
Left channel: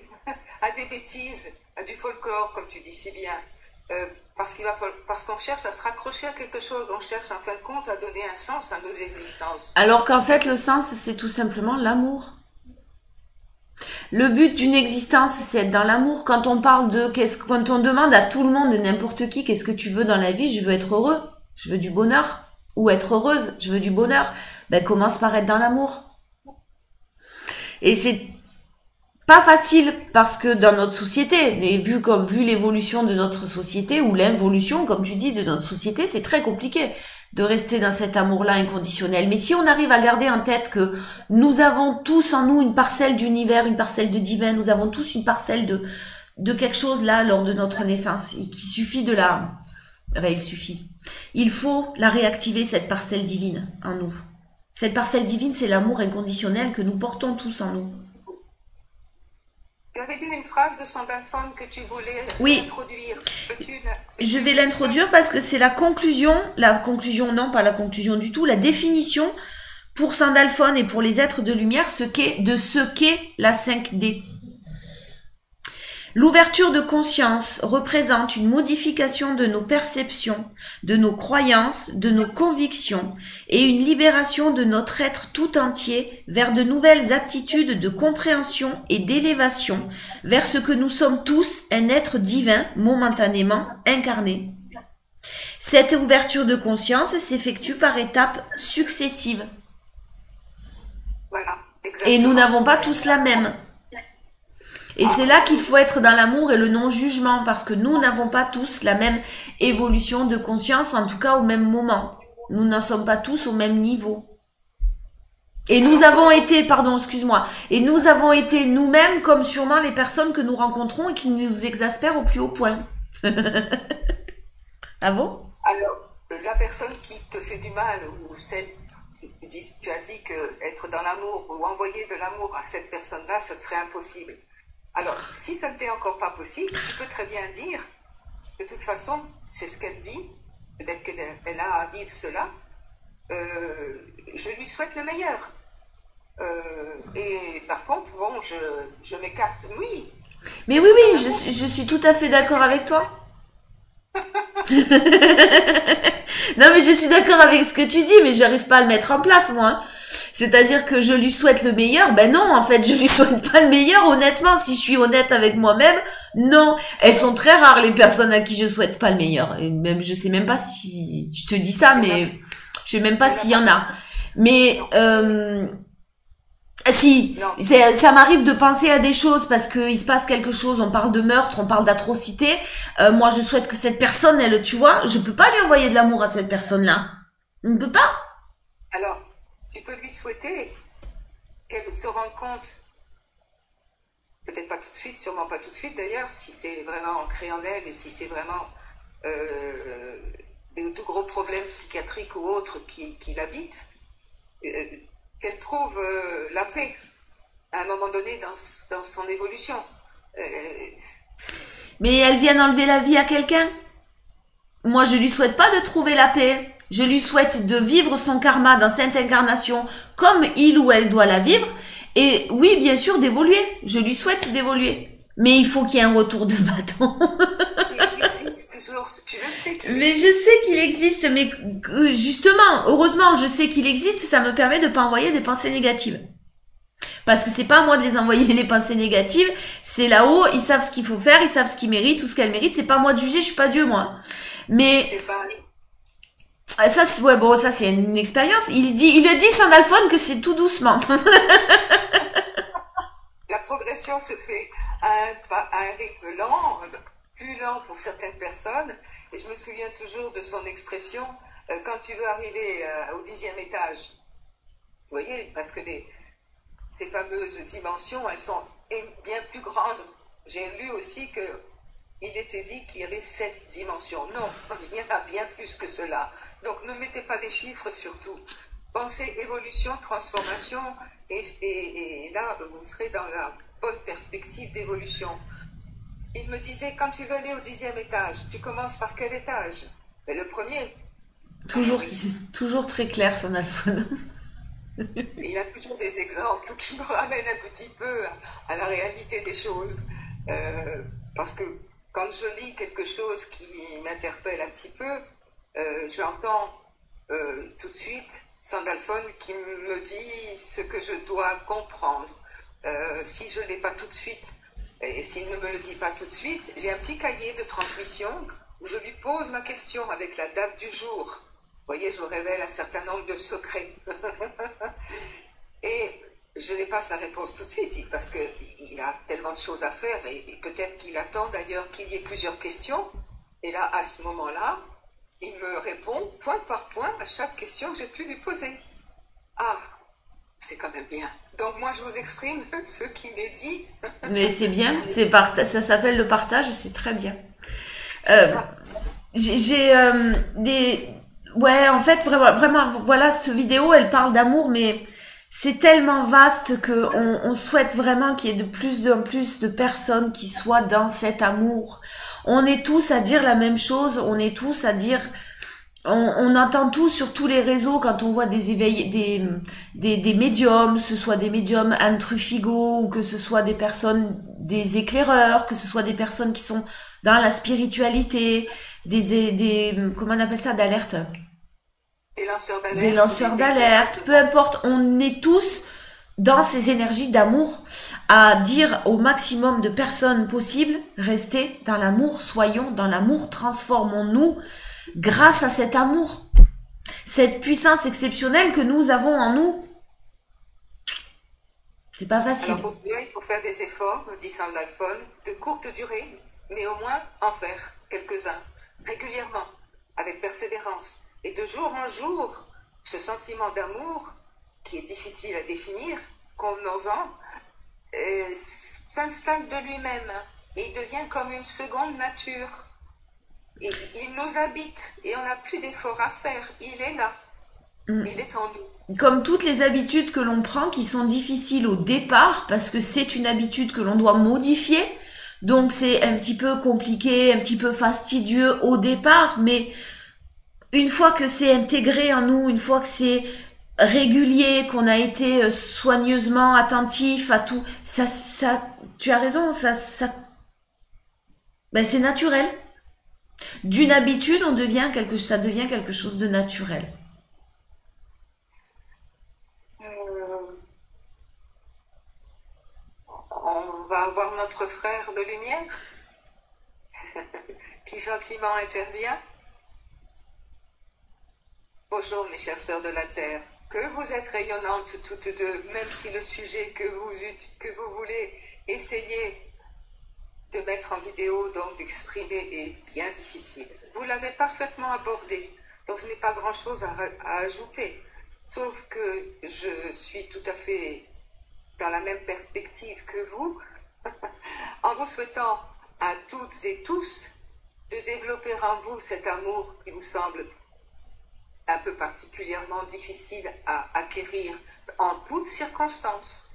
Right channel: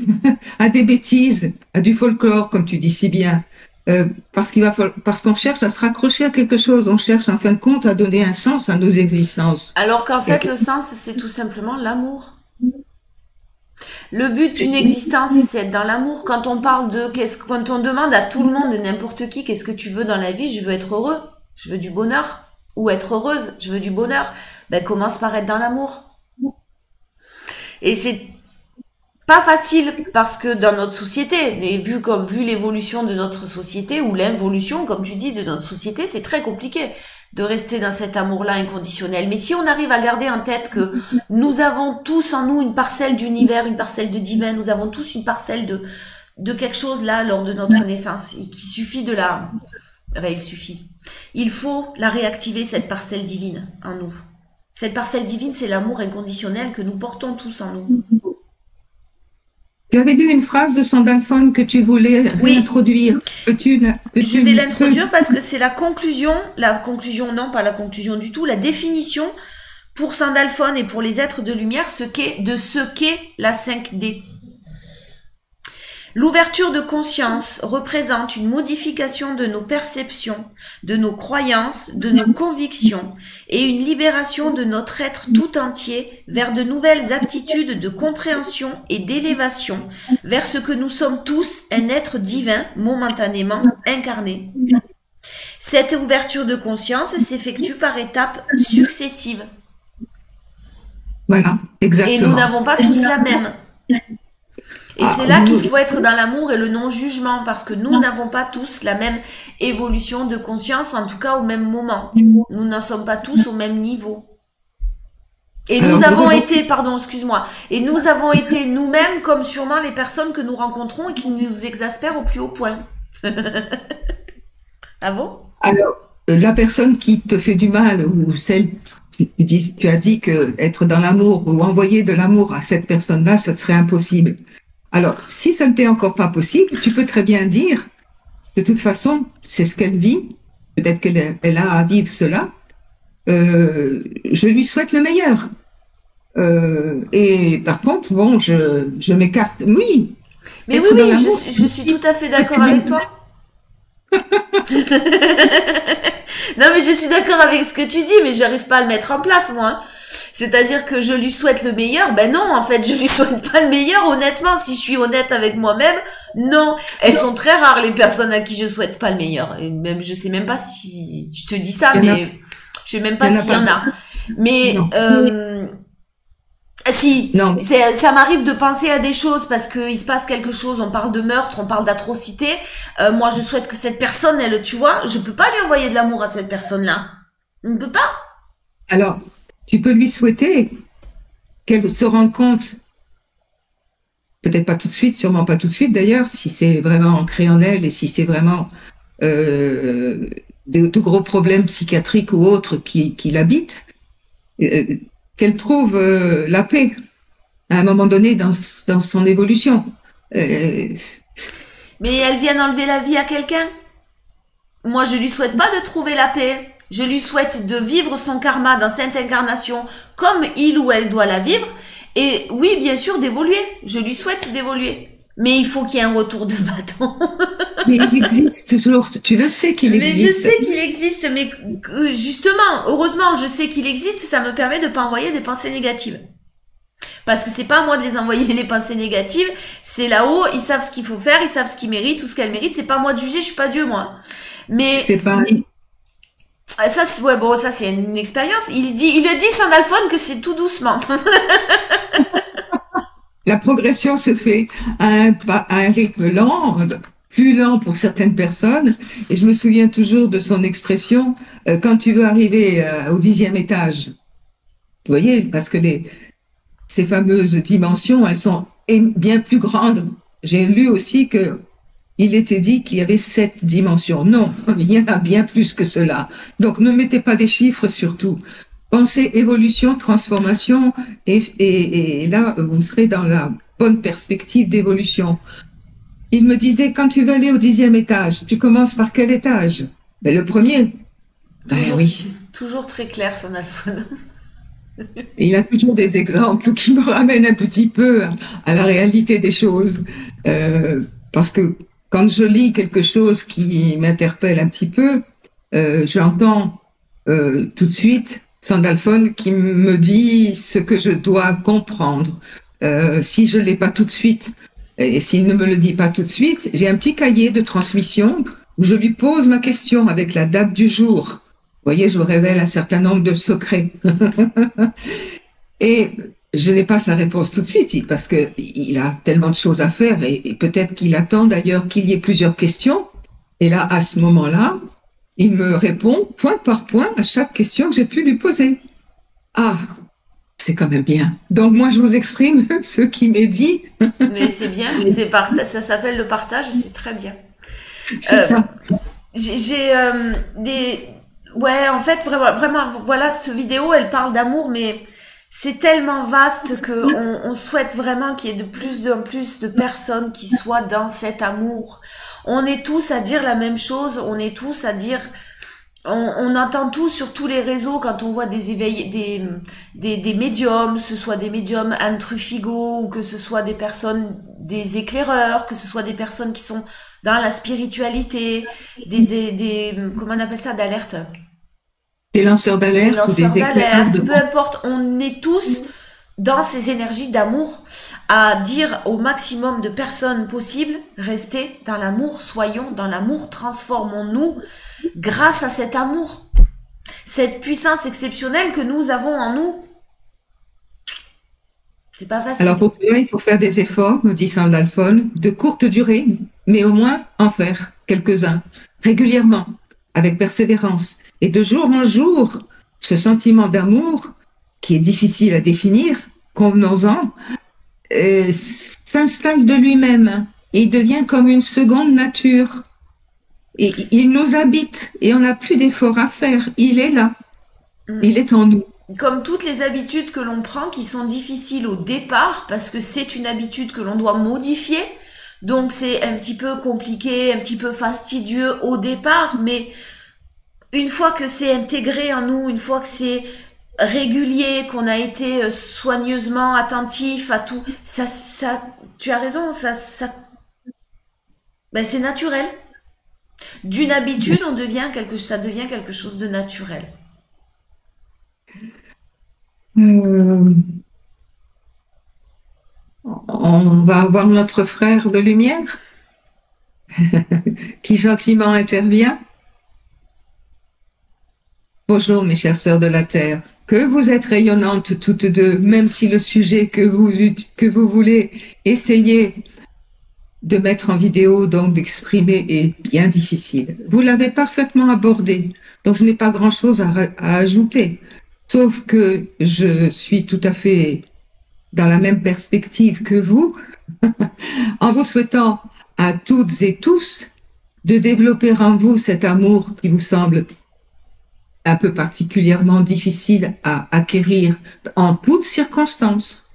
bêtises, à du folklore, comme tu dis si bien. Parce qu'on cherche à se raccrocher à quelque chose, on cherche en fin de compte à donner un sens à nos existences. Alors qu'en fait, le sens, c'est tout simplement l'amour. Le but d'une existence, c'est être dans l'amour. Quand on parle quand on demande à tout le monde, n'importe qui, qu'est-ce que tu veux dans la vie? Je veux être heureux. Je veux du bonheur. Ou être heureuse. Je veux du bonheur. Ben, commence par être dans l'amour. Et c'est pas facile parce que dans notre société, et vu l'évolution de notre société ou l'involution, comme tu dis, de notre société, c'est très compliqué de rester dans cet amour-là inconditionnel. Mais si on arrive à garder en tête que nous avons tous en nous une parcelle d'univers, une parcelle de divin, nous avons tous une parcelle de quelque chose là lors de notre naissance, et qu'il suffit il suffit. Il faut la réactiver, cette parcelle divine en nous. Cette parcelle divine, c'est l'amour inconditionnel que nous portons tous en nous. Tu avais dit une phrase de Sandalphon que tu voulais Oui, réintroduire. je vais l'introduire parce que c'est la conclusion, non, pas la conclusion du tout, la définition pour Sandalphon et pour les êtres de lumière, ce qu'est la 5D. L'ouverture de conscience représente une modification de nos perceptions, de nos croyances, de nos convictions et une libération de notre être tout entier vers de nouvelles aptitudes de compréhension et d'élévation, vers ce que nous sommes tous, un être divin momentanément incarné. Cette ouverture de conscience s'effectue par étapes successives. Voilà, Et nous exactement. n'avons pas tous la même. Et c'est là qu'il faut être dans l'amour et le non-jugement, parce que nous n'avons pas tous la même évolution de conscience, en tout cas au même moment. Nous n'en sommes pas tous au même niveau. Et nous avons été, pardon, excuse-moi, et nous avons été nous-mêmes comme sûrement les personnes que nous rencontrons et qui nous exaspèrent au plus haut point. Ah bon? Alors, la personne qui te fait du mal ou celle, tu as dit que être dans l'amour ou envoyer de l'amour à cette personne-là, ça serait impossible. Alors, si ça ne t'est encore pas possible, tu peux très bien dire, de toute façon, c'est ce qu'elle vit, peut-être qu'elle a à vivre cela, je lui souhaite le meilleur. Et par contre, bon, je m'écarte. Oui, Mais oui, être dans oui, l'amour, je suis tout à fait d'accord avec toi. Non, mais je suis d'accord avec ce que tu dis, mais j'arrive pas à le mettre en place, moi. Hein. C'est-à-dire que je lui souhaite le meilleur. Ben non, en fait, je lui souhaite pas le meilleur, honnêtement. Si je suis honnête avec moi-même, non. Elles sont très rares, les personnes à qui je souhaite pas le meilleur. Et même, je sais même pas si, je te dis ça, il y en a, mais je sais même il pas y en a s'il y pas en a. beaucoup. Mais, Non, si, non, ça m'arrive de penser à des choses parce qu'il se passe quelque chose, on parle de meurtre, on parle d'atrocité. Moi, je souhaite que cette personne, elle, tu vois, je peux pas lui envoyer de l'amour à cette personne-là. On ne peut pas. alors, tu peux lui souhaiter qu'elle se rende compte, peut-être pas tout de suite, sûrement pas tout de suite d'ailleurs, si c'est vraiment ancré en elle et si c'est vraiment euh, de gros problèmes psychiatriques ou autres qui l'habitent, euh, qu'elle trouve la paix à un moment donné dans son évolution. Euh, Mais elle vient d'enlever la vie à quelqu'un. Moi, je lui souhaite pas de trouver la paix. Je lui souhaite de vivre son karma dans cette incarnation comme il ou elle doit la vivre. Et oui, bien sûr, d'évoluer. Je lui souhaite d'évoluer. Mais il faut qu'il y ait un retour de bâton. mais il existe toujours, tu le sais qu'il Mais je existe. sais qu'il existe, mais justement, heureusement, je sais qu'il existe, ça me permet de pas envoyer des pensées négatives. Parce que c'est pas à moi de les envoyer les pensées négatives, c'est là-haut, ils savent ce qu'il faut faire, ils savent ce qu'ils méritent, tout ce qu'elles méritent, c'est pas à moi de juger, je suis pas Dieu, moi. Mais C'est pas, ça, ouais, bon, ça c'est une expérience. Il le dit Saint Alphone que c'est tout doucement. la progression se fait à un rythme lent, plus lent pour certaines personnes. Et je me souviens toujours de son expression, quand tu veux arriver au 10e étage, vous voyez, parce que ces fameuses dimensions, elles sont bien plus grandes. J'ai lu aussi que il était dit qu'il y avait 7 dimensions. Non, il y en a bien plus que cela. Donc ne mettez pas des chiffres surtout. Pensez évolution, transformation, et là, vous serez dans la bonne perspective d'évolution. Il me disait, quand tu vas aller au 10e étage, tu commences par quel étage? Ben, le premier. Ben toujours, oui. toujours très clair, Saint Alphone. Et il a toujours des exemples qui me ramènent un petit peu à la réalité des choses. Parce que quand je lis quelque chose qui m'interpelle un petit peu, j'entends tout de suite Sandalphone qui me dit ce que je dois comprendre. Si je ne l'ai pas tout de suite, et s'il ne me le dit pas tout de suite, j'ai un petit cahier de transmission où je lui pose ma question avec la date du jour. Vous voyez, je vous révèle un certain nombre de secrets. Et je n'ai pas sa réponse tout de suite parce qu'il a tellement de choses à faire et peut-être qu'il attend d'ailleurs qu'il y ait plusieurs questions. Et là, à ce moment-là, il me répond point par point à chaque question que j'ai pu lui poser. Ah, c'est quand même bien. Donc moi, je vous exprime ce qui m'est dit. Mais c'est bien, ça s'appelle le partage et c'est très bien. C'est Euh, ça. j'ai des... Ouais, en fait, vraiment, vraiment, voilà, cette vidéo, elle parle d'amour, mais c'est tellement vaste que on souhaite vraiment qu'il y ait de plus en plus de personnes qui soient dans cet amour. On est tous à dire la même chose, on est tous à dire, on entend tous sur tous les réseaux quand on voit des éveillés, des médiums, que ce soit des médiums Anne Truffigo ou que ce soit des personnes, des éclaireurs, que ce soit des personnes qui sont dans la spiritualité, comment on appelle ça, d'alerte? Des lanceurs Des d'alerte ou lanceurs des éclaireurs d'alerte, de... peu importe, on est tous dans ces énergies d'amour à dire au maximum de personnes possibles, restez dans l'amour, soyons dans l'amour, transformons-nous grâce à cet amour, cette puissance exceptionnelle que nous avons en nous. C'est pas facile. Alors pour cela, il faut faire des efforts, nous dit Saint Alphone, de courte durée, mais au moins en faire quelques-uns, régulièrement, avec persévérance. Et de jour en jour, ce sentiment d'amour, qui est difficile à définir, convenons-en, s'installe de lui-même et il devient comme une seconde nature. Et il nous habite et on n'a plus d'efforts à faire. Il est là, il est en nous. Comme toutes les habitudes que l'on prend qui sont difficiles au départ parce que c'est une habitude que l'on doit modifier. Donc c'est un petit peu compliqué, un petit peu fastidieux au départ, mais une fois que c'est intégré en nous, une fois que c'est régulier, qu'on a été soigneusement attentif à tout, tu as raison, ben c'est naturel. D'une habitude, ça devient quelque chose de naturel. Euh, on va avoir notre frère de lumière qui gentiment intervient. Bonjour mes chères sœurs de la Terre, que vous êtes rayonnantes toutes deux, même si le sujet que vous voulez essayer de mettre en vidéo, donc d'exprimer, est bien difficile. Vous l'avez parfaitement abordé, donc je n'ai pas grand-chose à ajouter, sauf que je suis tout à fait dans la même perspective que vous, en vous souhaitant à toutes et tous de développer en vous cet amour qui vous semble un peu particulièrement difficile à acquérir en toutes circonstances.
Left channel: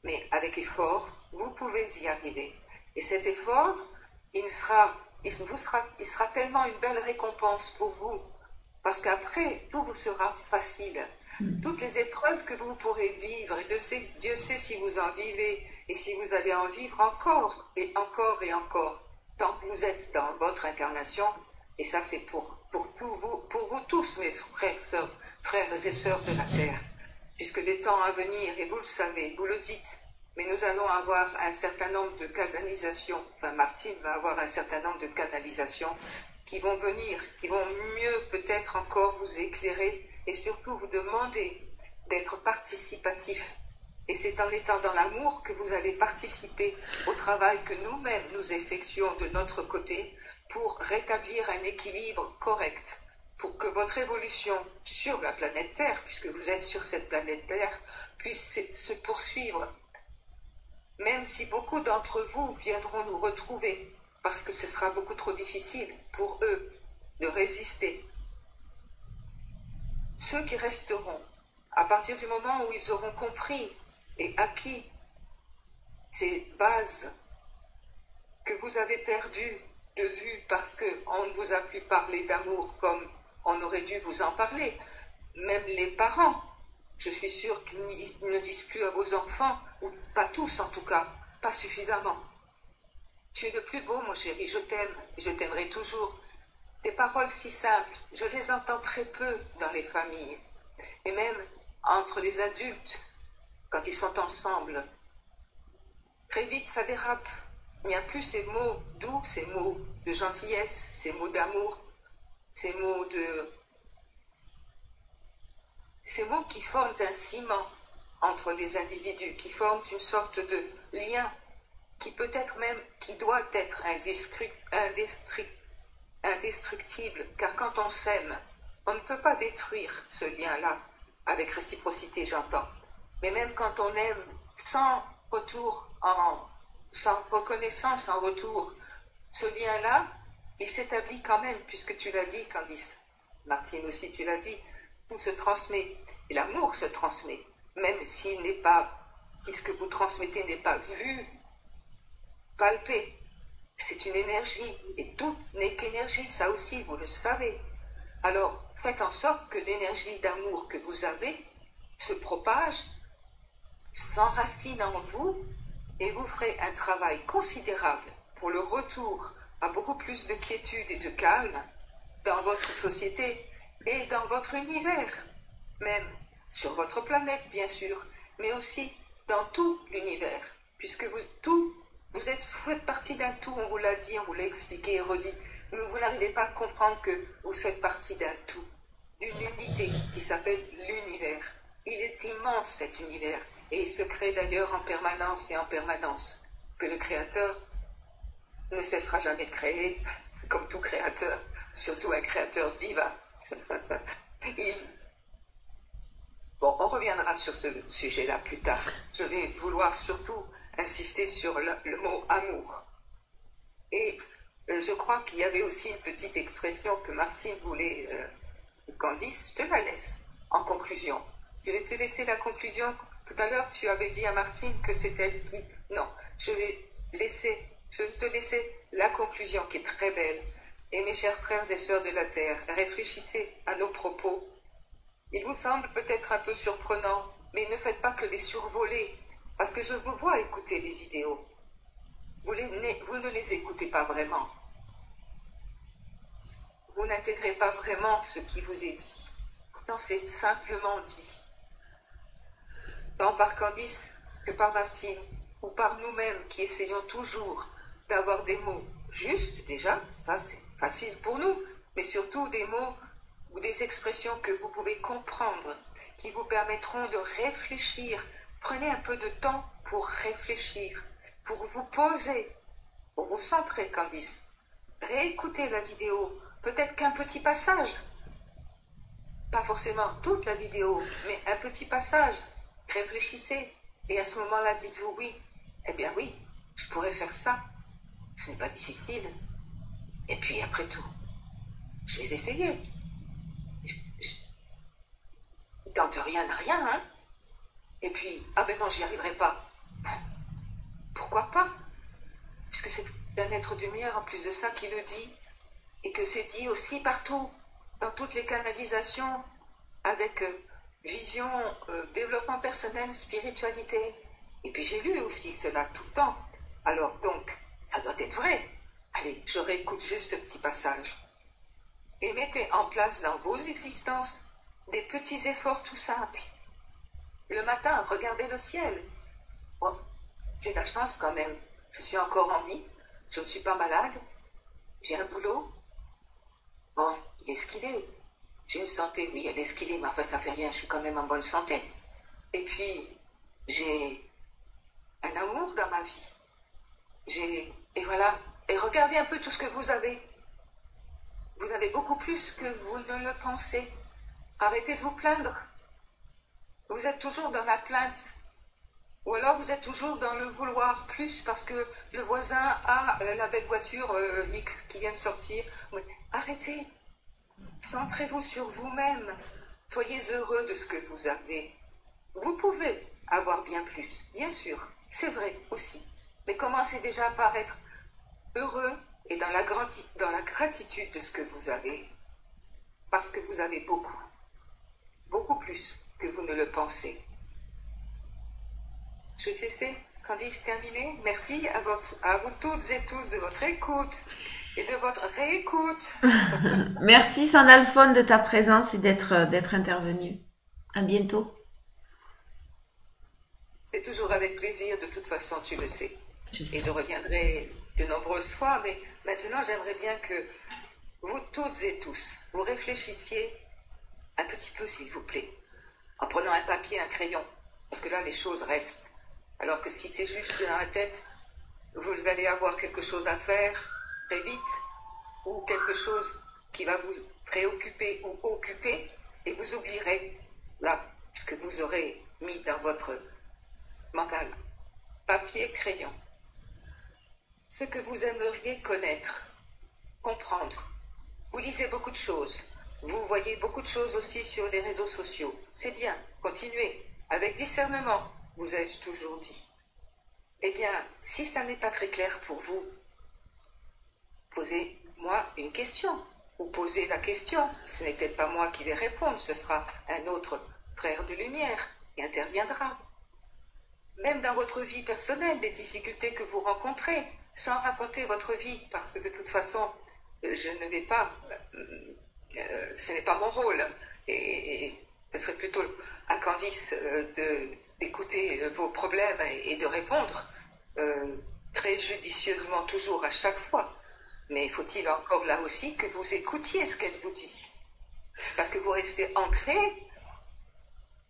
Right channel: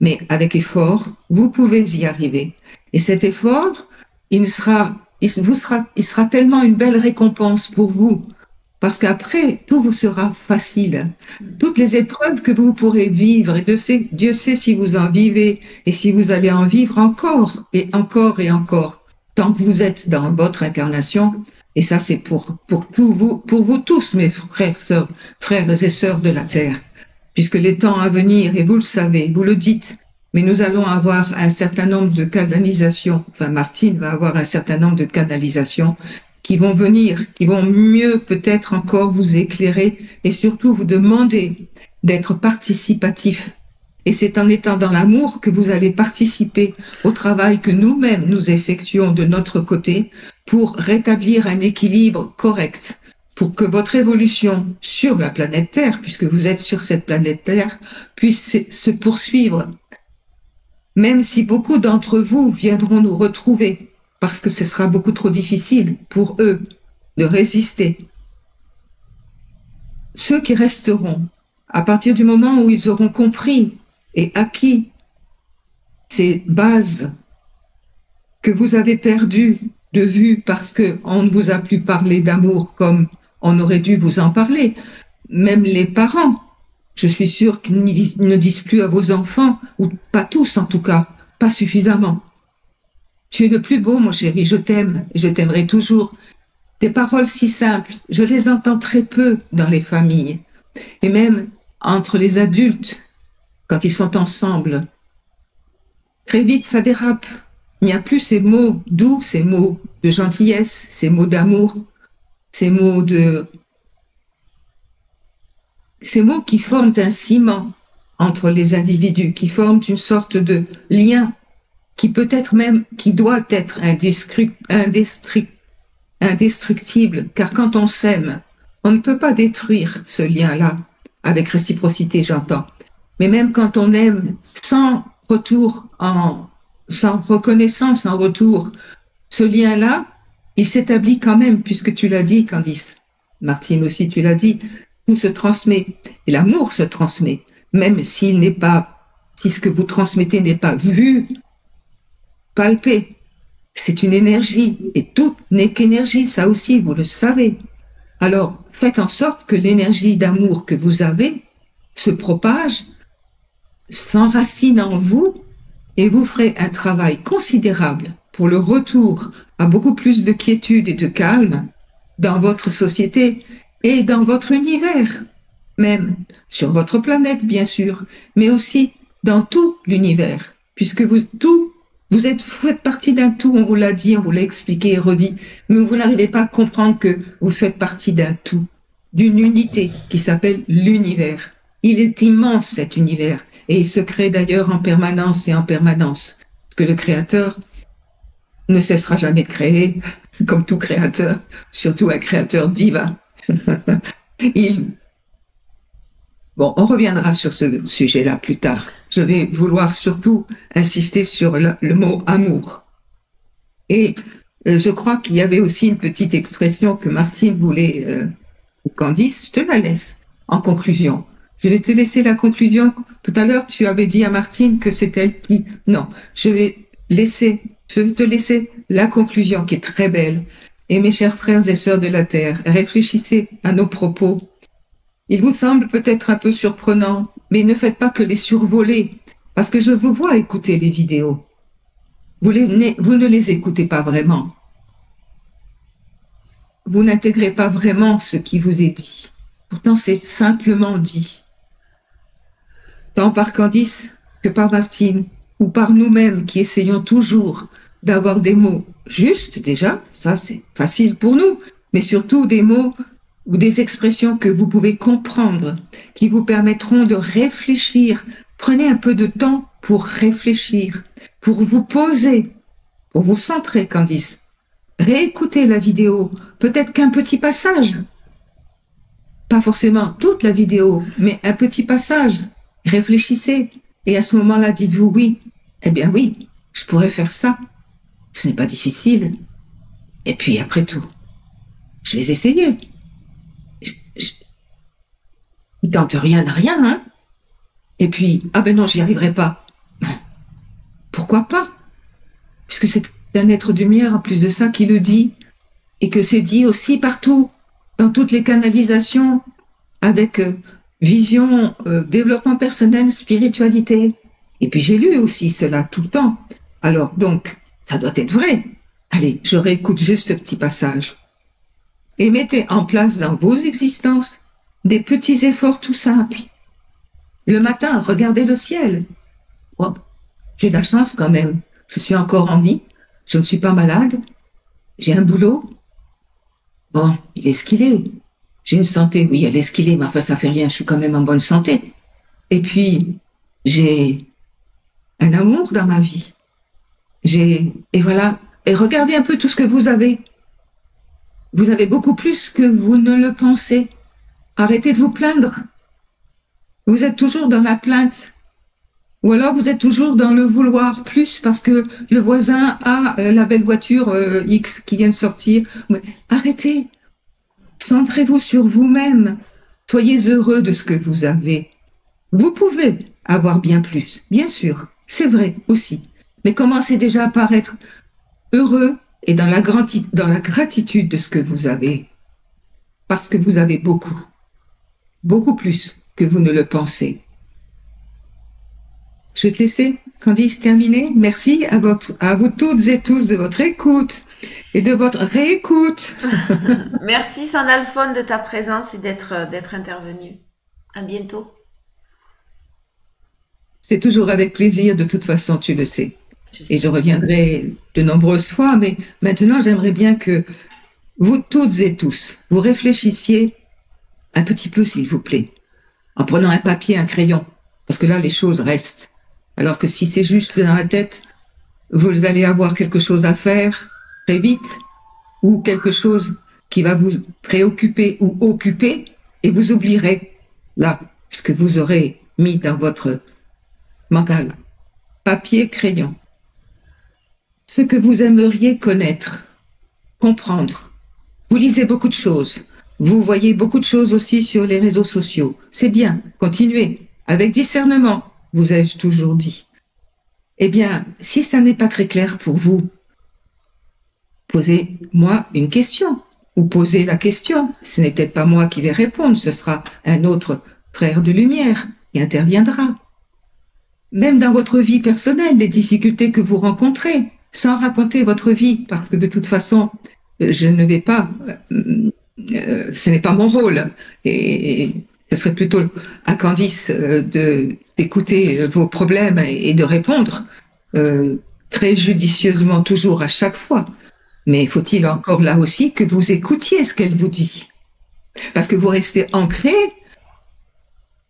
Mais avec effort, vous pouvez y arriver. Et cet effort, il sera tellement une belle récompense pour vous, parce qu'après, tout vous sera facile. Toutes les épreuves que vous pourrez vivre, et Dieu sait si vous en vivez et si vous allez en vivre encore et encore et encore, tant que vous êtes dans votre incarnation. Et ça, c'est pour vous tous, mes frères et sœurs de la Terre, puisque les temps à venir, et vous le savez, vous le dites, mais nous allons avoir un certain nombre de canalisations, enfin Martine va avoir un certain nombre de canalisations qui vont venir, qui vont mieux peut-être encore vous éclairer et surtout vous demander d'être participatif. Et c'est en étant dans l'amour que vous allez participer au travail que nous-mêmes nous effectuons de notre côté pour rétablir un équilibre correct, pour que votre évolution sur la planète Terre, puisque vous êtes sur cette planète Terre, puisse se poursuivre. Même si beaucoup d'entre vous viendront nous retrouver, parce que ce sera beaucoup trop difficile pour eux de résister. Ceux qui resteront, à partir du moment où ils auront compris et acquis ces bases que vous avez perdues de vue parce qu'on ne vous a plus parlé d'amour comme on aurait dû vous en parler, même les parents, je suis sûre qu'ils ne disent plus à vos enfants, ou pas tous en tout cas, pas suffisamment. Tu es le plus beau, mon chéri, je t'aime, et je t'aimerai toujours. Des paroles si simples, je les entends très peu dans les familles, et même entre les adultes, quand ils sont ensemble. Très vite, ça dérape. Il n'y a plus ces mots doux, ces mots de gentillesse, ces mots d'amour, ces mots qui forment un ciment entre les individus, qui forment une sorte de lien qui peut être même, qui doit être indestructible, car quand on s'aime, on ne peut pas détruire ce lien-là, avec réciprocité j'entends, mais même quand on aime sans reconnaissance en retour, ce lien-là, il s'établit quand même, puisque tu l'as dit, Candice, Martine aussi tu l'as dit, tout se transmet, et l'amour se transmet. même s'il n'est pas, si ce que vous transmettez n'est pas vu, palpé. C'est une énergie, et tout n'est qu'énergie, ça aussi, vous le savez. Alors, faites en sorte que l'énergie d'amour que vous avez se propage, s'enracine en vous, et vous ferez un travail considérable pour le retour à beaucoup plus de quiétude et de calme dans votre société et dans votre univers, même sur votre planète, bien sûr, mais aussi dans tout l'univers, puisque vous faites partie d'un tout, on vous l'a dit, on vous l'a expliqué et redit, mais vous n'arrivez pas à comprendre que vous faites partie d'un tout, d'une unité qui s'appelle l'univers. Il est immense cet univers, et il se crée d'ailleurs en permanence et en permanence, parce que le Créateur ne cessera jamais de créer, comme tout créateur, surtout un créateur divin. il, Bon, on reviendra sur ce sujet-là plus tard. Je vais vouloir surtout insister sur le mot amour. Et je crois qu'il y avait aussi une petite expression que Martine voulait, Candice, je te la laisse en conclusion. Je vais te laisser la conclusion. Tout à l'heure, tu avais dit à Martine que c'est elle qui... Non, je vais te laisser la conclusion qui est très belle. Et mes chers frères et sœurs de la Terre, réfléchissez à nos propos. Il vous semble peut-être un peu surprenant, mais ne faites pas que les survoler, parce que je vous vois écouter les vidéos. Vous ne les écoutez pas vraiment. Vous n'intégrez pas vraiment ce qui vous est dit. Pourtant, c'est simplement dit. Tant par Candice que par Martine, ou par nous-mêmes qui essayons toujours d'avoir des mots justes déjà, ça c'est facile pour nous, mais surtout des mots ou des expressions que vous pouvez comprendre, qui vous permettront de réfléchir. Prenez un peu de temps pour réfléchir, pour vous poser, pour vous centrer, Candice. Réécoutez la vidéo, peut-être qu'un petit passage. Pas forcément toute la vidéo, mais un petit passage. Réfléchissez, et à ce moment-là, dites-vous oui. Eh bien oui, je pourrais faire ça. Ce n'est pas difficile. Et puis après tout, je vais essayer. Il tente rien à rien, hein. Et puis, ah ben non, j'y arriverai pas. Non. Pourquoi pas? Puisque c'est un être de lumière, en plus de ça, qui le dit. Et que c'est dit aussi partout, dans toutes les canalisations, avec vision, développement personnel, spiritualité. Et puis j'ai lu aussi cela tout le temps. Alors donc, ça doit être vrai. Allez, je réécoute juste ce petit passage. Et mettez en place dans vos existences des petits efforts tout simples. Le matin, regardez le ciel. Bon, j'ai de la chance quand même. Je suis encore en vie. Je ne suis pas malade. J'ai un boulot. Bon, il est ce qu'il est. J'ai une santé, oui, elle est ce qu'il est, mais enfin, ça fait rien. Je suis quand même en bonne santé. Et puis, j'ai un amour dans ma vie. Et voilà. Et regardez un peu tout ce que vous avez. Vous avez beaucoup plus que vous ne le pensez. Arrêtez de vous plaindre. Vous êtes toujours dans la plainte. Ou alors vous êtes toujours dans le vouloir plus parce que le voisin a la belle voiture X qui vient de sortir. Arrêtez. Centrez-vous sur vous-même. Soyez heureux de ce que vous avez. Vous pouvez avoir bien plus, bien sûr. C'est vrai aussi. Mais commencez déjà par être heureux et dans la gratitude de ce que vous avez. Parce que vous avez beaucoup. Beaucoup plus que vous ne le pensez. Je vais te laisser, Candice, terminer. Merci à vous toutes et tous de votre écoute et de votre réécoute. Merci Sandalphone de ta présence et d'être intervenu. À bientôt. C'est toujours avec plaisir, de toute façon, tu le sais. Et je reviendrai de nombreuses fois, mais maintenant j'aimerais bien que vous toutes et tous, vous réfléchissiez un petit peu, s'il vous plaît, en prenant un papier, un crayon, parce que là les choses restent. Alors que si c'est juste dans la tête, vous allez avoir quelque chose à faire très vite, ou quelque chose qui va vous préoccuper ou occuper, et vous oublierez là ce que vous aurez mis dans votre mental. Papier, crayon. Ce que vous aimeriez connaître, comprendre. Vous lisez beaucoup de choses. Vous voyez beaucoup de choses aussi sur les réseaux sociaux. C'est bien, continuez. avec discernement, vous ai-je toujours dit. Eh bien, si ça n'est pas très clair pour vous, posez-moi une question ou posez la question. Ce n'est peut-être pas moi qui vais répondre, ce sera un autre frère de lumière qui interviendra. Même dans votre vie personnelle, les difficultés que vous rencontrez, sans raconter votre vie, parce que de toute façon, je ne vais pas, ce n'est pas mon rôle. Et ce serait plutôt à Candice d'écouter vos problèmes et de répondre très judicieusement toujours à chaque fois. Mais faut-il encore là aussi que vous écoutiez ce qu'elle vous dit? Parce que vous restez ancré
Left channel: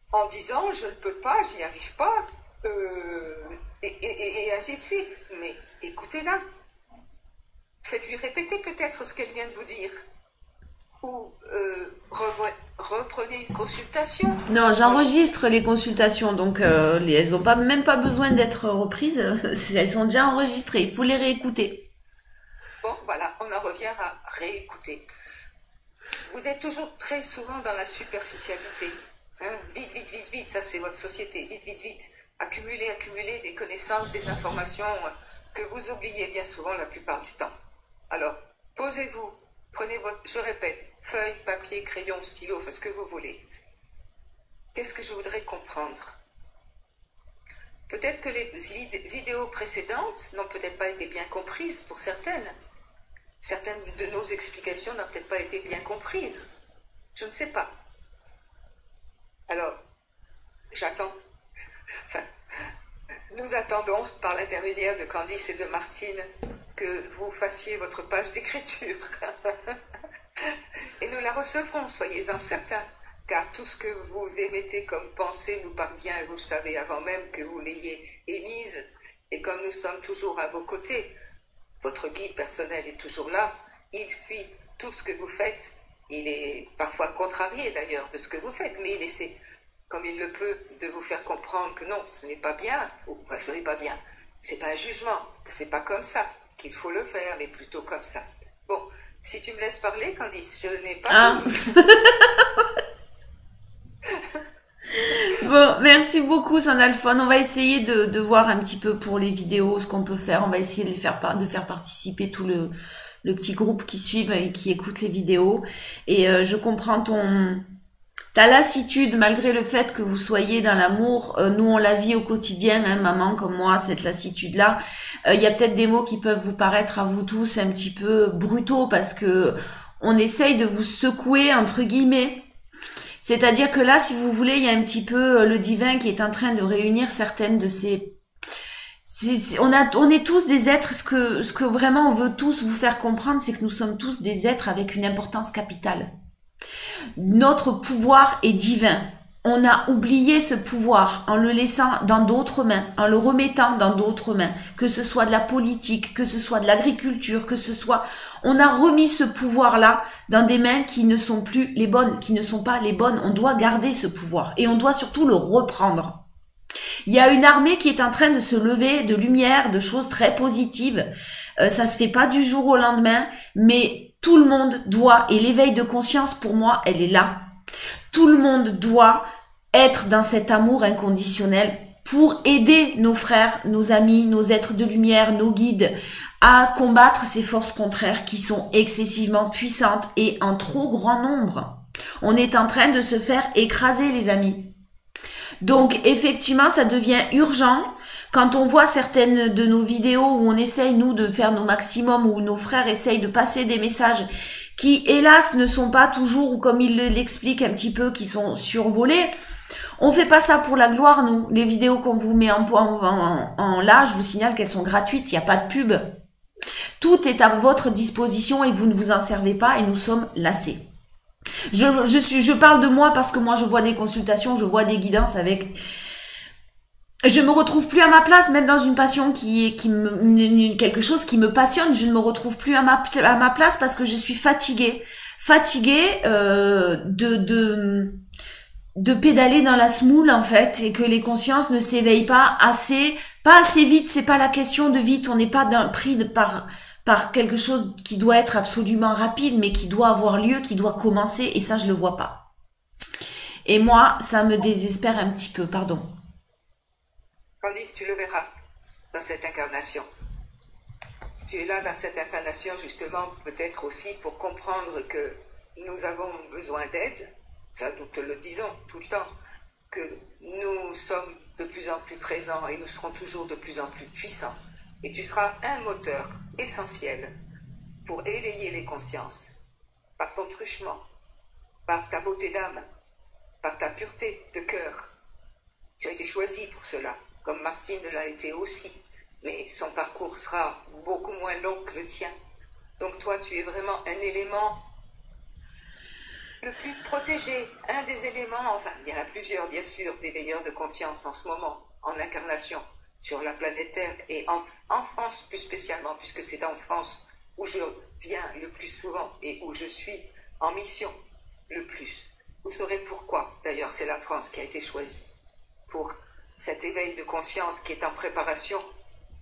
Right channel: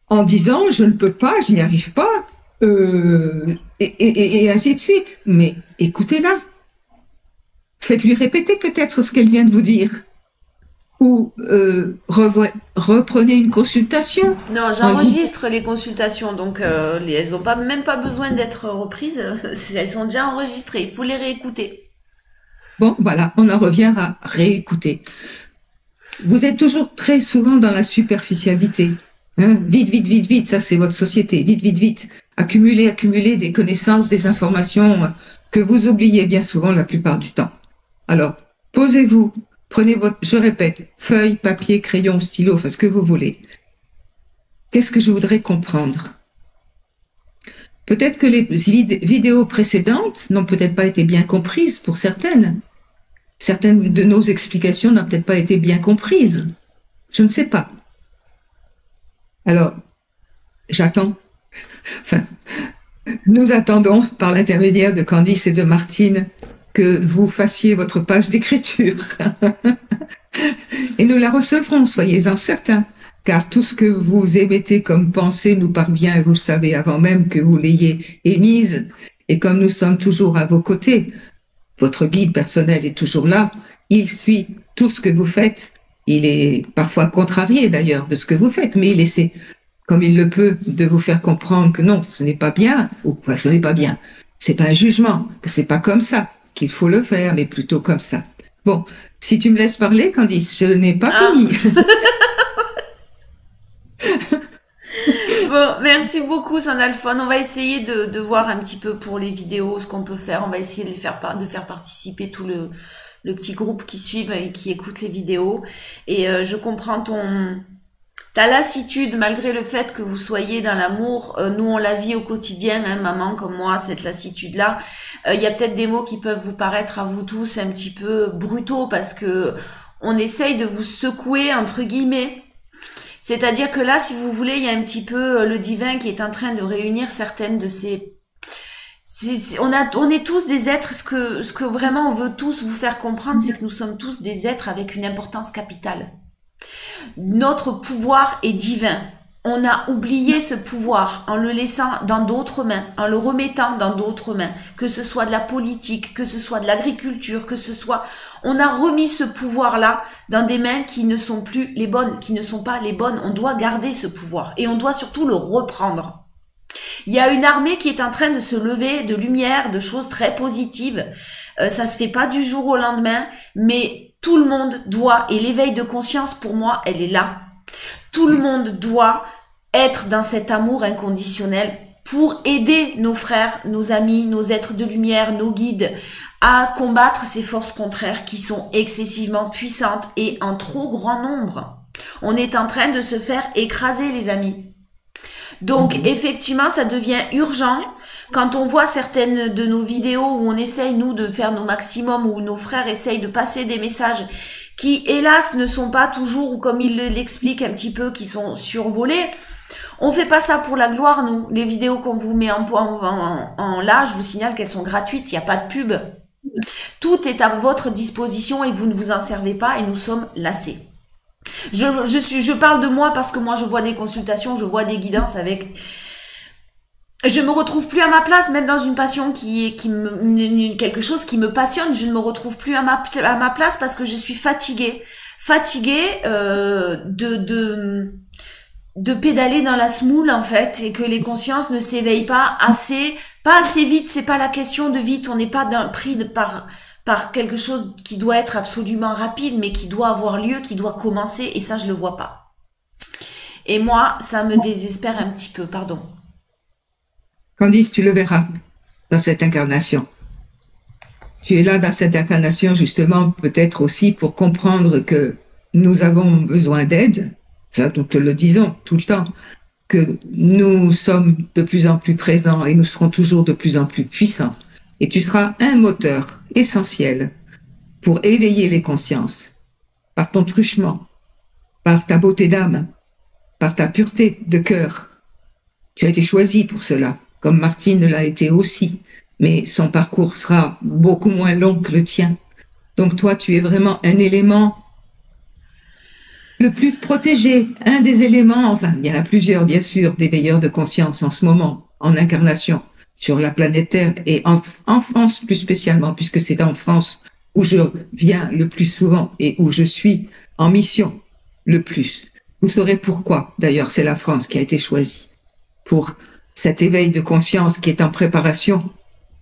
en disant je ne peux pas, je n'y arrive pas, et ainsi de suite. Mais écoutez-la. Faites-lui répéter peut-être ce qu'elle vient de vous dire. Ou reprenez une consultation. Non, j'enregistre les consultations, donc elles n'ont même pas besoin d'être reprises. Elles sont déjà enregistrées. Il faut les réécouter. Bon, voilà, on en revient à réécouter. Vous êtes toujours très souvent dans la superficialité. Hein? Vite, vite, vite, vite, ça c'est votre société. Vite, vite, vite. Accumuler des connaissances, des informations que vous oubliez bien souvent la plupart du temps. Alors, posez-vous, prenez votre, je répète, feuille, papier, crayon, stylo, enfin ce que vous voulez. Qu'est-ce que je voudrais comprendre? Peut-être que les vidéos précédentes n'ont peut-être pas été bien comprises pour certaines. Certaines de nos explications n'ont peut-être pas été bien comprises. Je ne sais pas. Alors, j'attends. Enfin, nous attendons, par l'intermédiaire de Candice et de Martine, que vous fassiez votre page d'écriture. Et nous la recevrons, soyez-en certains, car tout ce que vous émettez comme pensée nous parvient, et vous le savez avant même que vous l'ayez émise, et comme nous sommes toujours à vos côtés, votre guide personnel est toujours là, il suit tout ce que vous faites, il est parfois contrarié d'ailleurs de ce que vous faites, mais il essaie, comme il le peut, de vous faire comprendre que non, ce n'est pas bien, ou enfin, ce n'est pas bien, c'est pas un jugement, que c'est pas comme ça qu'il faut le faire, mais plutôt comme ça. Bon, si tu me laisses parler, Candice, je n'ai pas fini. Bon, merci beaucoup, Sandalphone. On va essayer de voir un petit peu pour les vidéos ce qu'on peut faire. On va essayer de faire participer tout le petit groupe qui suit et qui écoute les vidéos. Et je comprends ta lassitude, malgré le fait que vous soyez dans l'amour. Nous, on la vit au quotidien, hein, maman, comme moi, cette lassitude-là. Il y a peut-être des mots qui peuvent vous paraître à vous tous un petit peu brutaux parce que on essaye de vous secouer, entre guillemets. C'est-à-dire que là, si vous voulez, il y a un petit peu le divin qui est en train de réunir certaines de ces... On est tous des êtres, ce que vraiment on veut tous vous faire comprendre, c'est que nous sommes tous des êtres avec une importance capitale. Notre pouvoir est divin. On a oublié ce pouvoir en le laissant dans d'autres mains, en le remettant dans d'autres mains, que ce soit de la politique, que ce soit de l'agriculture, que ce soit... On a remis ce pouvoir-là dans des mains qui ne sont plus les bonnes, qui ne sont pas les bonnes. On doit garder ce pouvoir et on doit surtout le reprendre. Il y a une armée qui est en train de se lever de lumière, de choses très positives. Ça se fait pas du jour au lendemain, mais tout le monde doit, et l'éveil de conscience pour moi, elle est là. Tout le monde doit être dans cet amour inconditionnel pour aider nos frères, nos amis, nos êtres de lumière, nos guides à combattre ces forces contraires qui sont excessivement puissantes et en trop grand nombre. On est en train de se faire écraser, les amis. Donc, effectivement, ça devient urgent. Quand on voit certaines de nos vidéos où on essaye, nous, de faire nos maximums, où nos frères essayent de passer des messages qui, hélas, ne sont pas toujours, ou comme ils l'expliquent un petit peu, qui sont survolés. On fait pas ça pour la gloire, nous. Les vidéos qu'on vous met en là, je vous signale qu'elles sont gratuites, il n'y a pas de pub. Tout est à votre disposition et vous ne vous en servez pas et nous sommes lassés. Je parle de moi parce que moi, je vois des consultations, je vois des guidances avec... Je me retrouve plus à ma place, même dans une passion quelque chose qui me passionne, je ne me retrouve plus à ma place parce que je suis fatiguée. Fatiguée de pédaler dans la semoule, en fait, et que les consciences ne s'éveillent pas assez vite, c'est pas la question de vite, on n'est pas pris par quelque chose qui doit être absolument rapide, mais qui doit avoir lieu, qui doit commencer, et ça, je le vois pas. Et moi, ça me désespère un petit peu, pardon. Candice, tu le verras dans cette incarnation. Tu es là dans cette incarnation justement peut-être aussi pour comprendre que nous avons besoin d'aide. Ça, nous te le disons tout le temps, que nous sommes de plus en plus présents et nous serons toujours de plus en plus puissants. Et tu seras un moteur essentiel pour éveiller les consciences par ton truchement, par ta beauté d'âme, par ta pureté de cœur. Tu as été choisi pour cela, comme Martine l'a été aussi, mais son parcours sera beaucoup moins long que le tien. Donc toi, tu es vraiment un élément le plus protégé, un des éléments, enfin, il y en a plusieurs, bien sûr, des veilleurs de conscience en ce moment, en incarnation, sur la planète Terre et en France plus spécialement, puisque c'est en France où je viens le plus souvent et où je suis en mission le plus. Vous saurez pourquoi, d'ailleurs, c'est la France qui a été choisie pour cet éveil de conscience qui est en préparation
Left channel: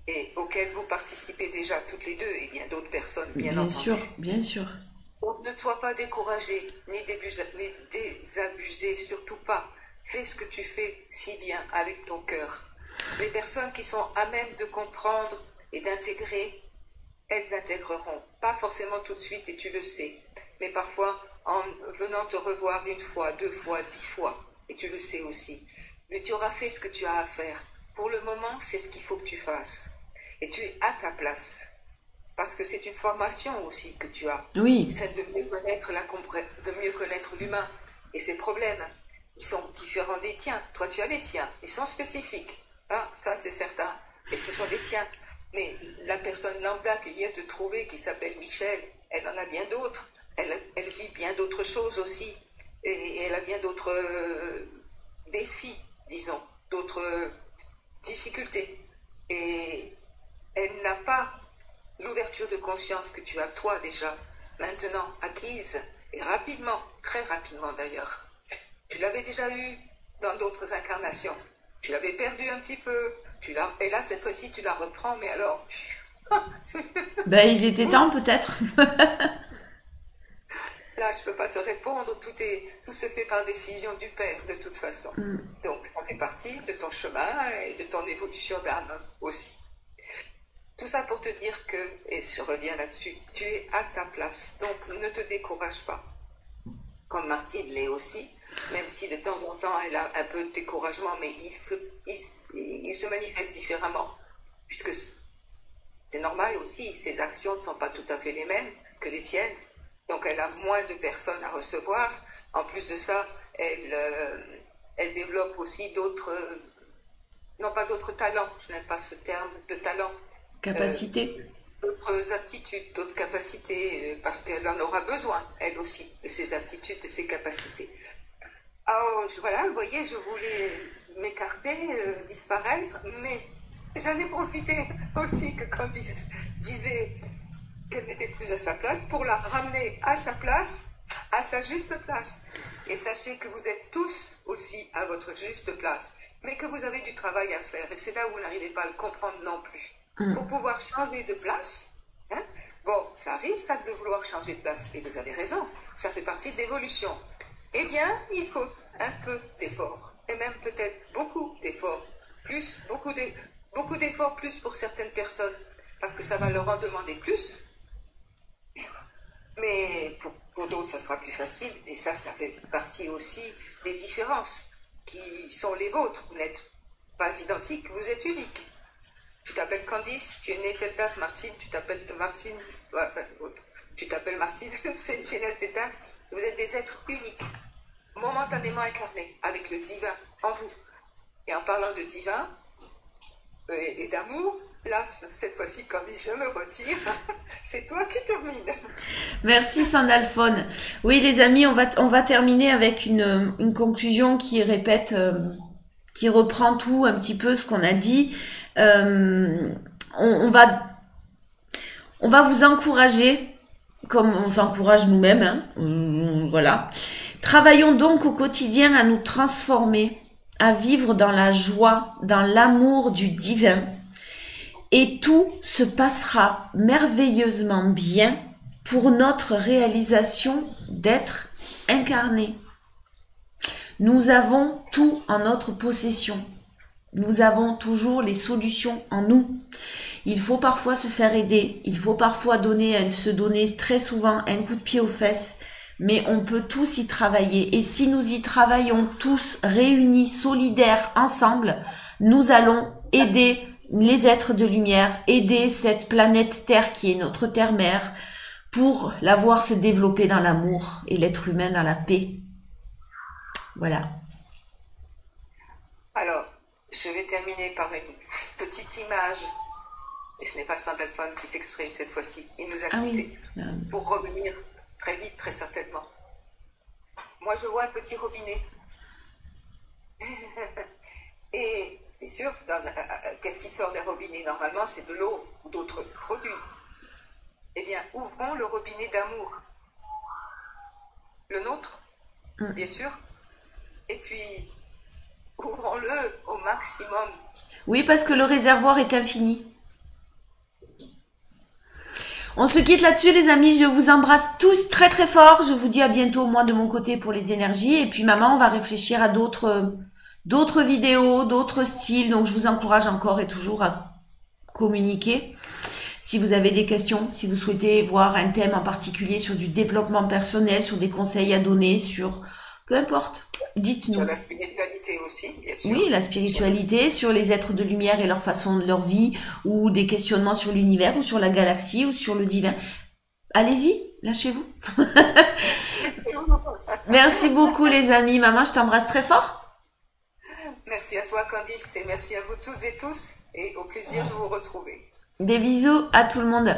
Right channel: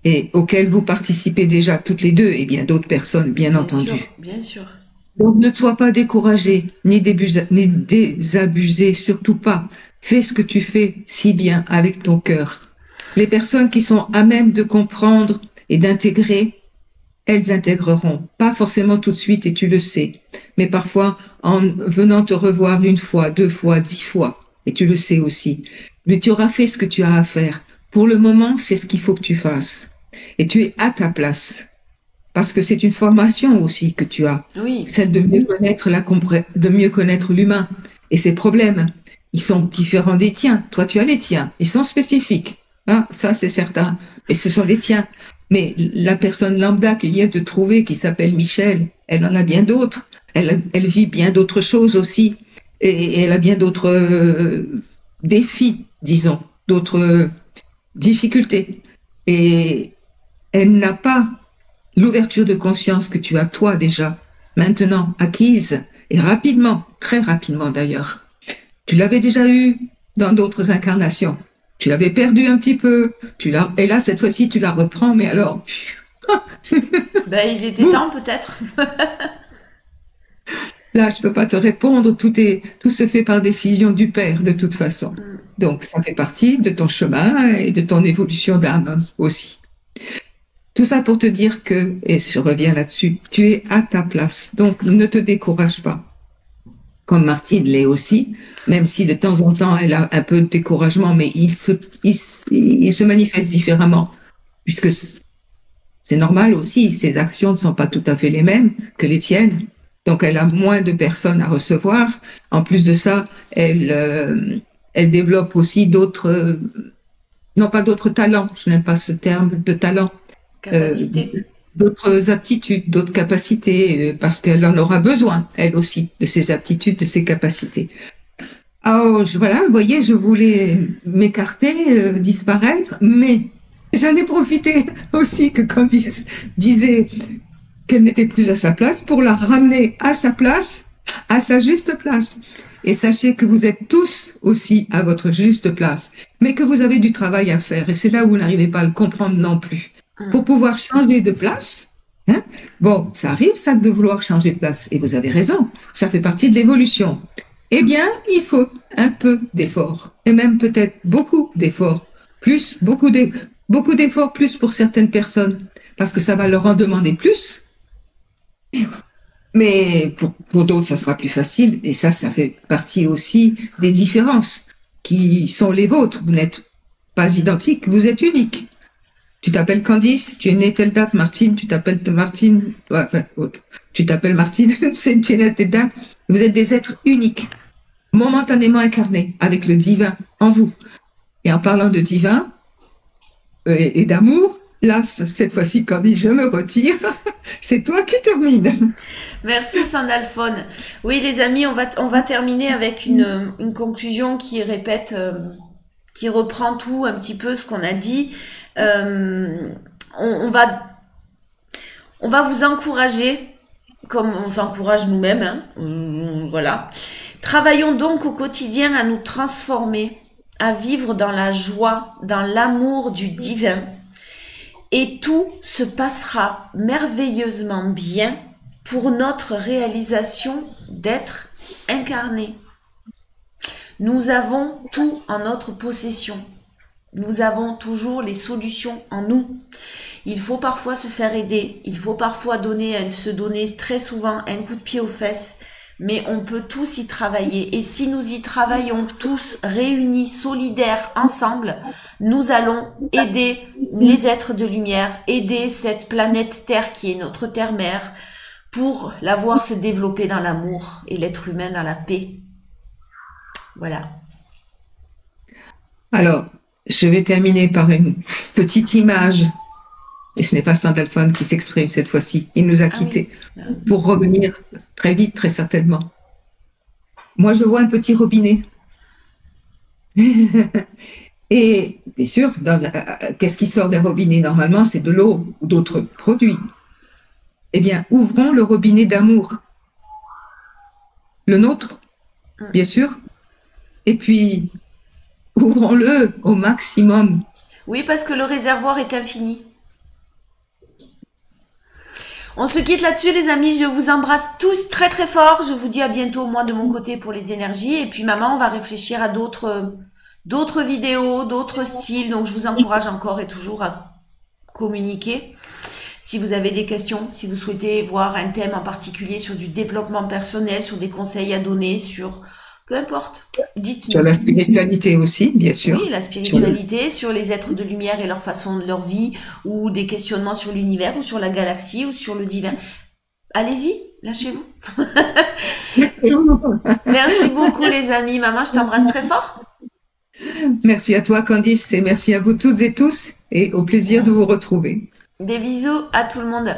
et auquel vous participez déjà toutes les deux et bien d'autres personnes, bien entendu. Bien sûr, bien sûr. Donc ne sois pas découragé, ni désabusé, surtout pas. Fais ce que tu fais si bien avec ton cœur. Les personnes qui sont à même de comprendre et d'intégrer, elles intégreront. Pas forcément tout de suite, et tu le sais, mais parfois en venant te revoir 1 fois, 2 fois, 10 fois, et tu le sais aussi. Mais tu auras fait ce que tu as à faire. Pour le moment, c'est ce qu'il faut que tu fasses. Et tu es à ta place. Parce que c'est une formation aussi que tu as. Oui. Celle de mieux connaître de mieux connaître l'humain et ses problèmes. Ils sont différents des tiens. Toi, tu as les tiens. Ils sont spécifiques. Ah, ça, c'est certain. Et ce sont les tiens. Mais la personne lambda qui vient te trouver, qui s'appelle Michel, elle en a bien d'autres. Elle vit bien d'autres choses aussi. Et elle a bien d'autres défis, disons, d'autres difficultés. Et elle n'a pas l'ouverture de conscience que tu as toi déjà, maintenant acquise, et rapidement, très rapidement d'ailleurs. Tu l'avais déjà eu dans d'autres incarnations. Tu l'avais perdu un petit peu, et là cette fois-ci tu la reprends, mais alors... Ben, il était temps peut-être. Là, je peux pas te répondre, tout se fait par décision du Père de toute façon. Donc ça fait partie de ton chemin et de ton évolution d'âme aussi. Tout ça pour te dire que, et je reviens là-dessus, tu es à ta place. Donc ne te décourage pas. Comme Martine l'est aussi, même si de temps en temps elle a un peu de découragement, mais il se manifeste différemment, puisque c'est normal aussi, ses actions ne sont pas tout à fait les mêmes que les tiennes. Donc elle a moins de personnes à recevoir. En plus de ça, elle développe aussi d'autres, non pas d'autres talents, je n'aime pas ce terme de talent, Capacité. d'autres aptitudes, d'autres capacités, parce qu'elle en aura besoin, elle aussi, de ses aptitudes, de ses capacités. Oh, voilà, vous voyez, je voulais m'écarter, disparaître, mais j'en ai profité aussi que Candice disait qu'elle n'était plus à sa place pour la ramener à sa place, à sa juste place. Et sachez que vous êtes tous aussi à votre juste place, mais que vous avez du travail à faire. Et c'est là où vous n'arrivez pas à le comprendre non plus. Pour pouvoir changer de place, hein, bon, ça arrive ça de vouloir changer de place. Et vous avez raison, ça fait partie de l'évolution. Eh bien, il faut un peu d'effort. Et même peut-être beaucoup d'efforts. Beaucoup d'efforts plus pour certaines personnes. Parce que ça va leur en demander plus. Mais pour d'autres, ça sera plus facile. Et ça fait partie aussi des différences qui sont les vôtres. Vous n'êtes pas identiques, vous êtes uniques. Tu t'appelles Candice, tu es née telle date, Martine, tu t'appelles Martine, enfin, tu t'appelles Martine, tu es née telle date. Vous êtes des êtres uniques, momentanément incarnés, avec le divin en vous. Et en parlant de divin et d'amour, là, cette fois-ci, Candice, je me retire. C'est toi qui termine. Merci Sandalphone. Oui, les amis, on va terminer avec une conclusion qui répète, qui reprend tout un petit peu ce qu'on a dit. On va vous encourager, comme on s'encourage nous-mêmes, hein, voilà. Travaillons donc au quotidien à nous transformer, à vivre dans la joie, dans l'amour du divin, et tout se passera merveilleusement bien pour notre réalisation d'être incarné. Nous avons tout en notre possession. Nous avons toujours les solutions en nous. Il faut parfois se faire aider. Il faut parfois se donner très souvent un coup de pied aux fesses. Mais on peut tous y travailler. Et si nous y travaillons tous réunis, solidaires, ensemble, nous allons aider les êtres de lumière, aider cette planète Terre qui est notre Terre-Mère, pour la voir se développer dans l'amour et l'être humain dans la paix. Voilà. Alors, je vais terminer par une petite image. Et ce n'est pas Sandalphon qui s'exprime cette fois-ci. Il nous a quittés pour revenir très vite, très certainement. Moi, je vois un petit robinet. Et bien sûr, qu'est-ce qui sort d'un robinet? Normalement, c'est de l'eau ou d'autres produits. Eh bien, ouvrons le robinet d'amour. Le nôtre, bien sûr. Et puis, ouvrons-le au maximum. Oui, parce que le réservoir est infini. On se quitte là-dessus, les amis. Je vous embrasse tous très très fort. Je vous dis à bientôt, moi, de mon côté, pour les énergies. Et puis, maman, on va réfléchir à d'autres vidéos, d'autres styles. Donc, je vous encourage encore et toujours à communiquer. Si vous avez des questions, si vous souhaitez voir un thème en particulier sur du développement personnel, sur des conseils à donner, sur... Peu importe, dites-nous. Sur la spiritualité aussi, bien sûr. Oui, la spiritualité, sur les êtres de lumière et leur façon de leur vie, ou des questionnements sur l'univers, ou sur la galaxie, ou sur le divin. Allez-y, lâchez-vous. Merci beaucoup les amis. Maman, je t'embrasse très fort. Merci à toi Candice et merci à vous toutes et tous et au plaisir de vous retrouver. Des bisous à tout le monde.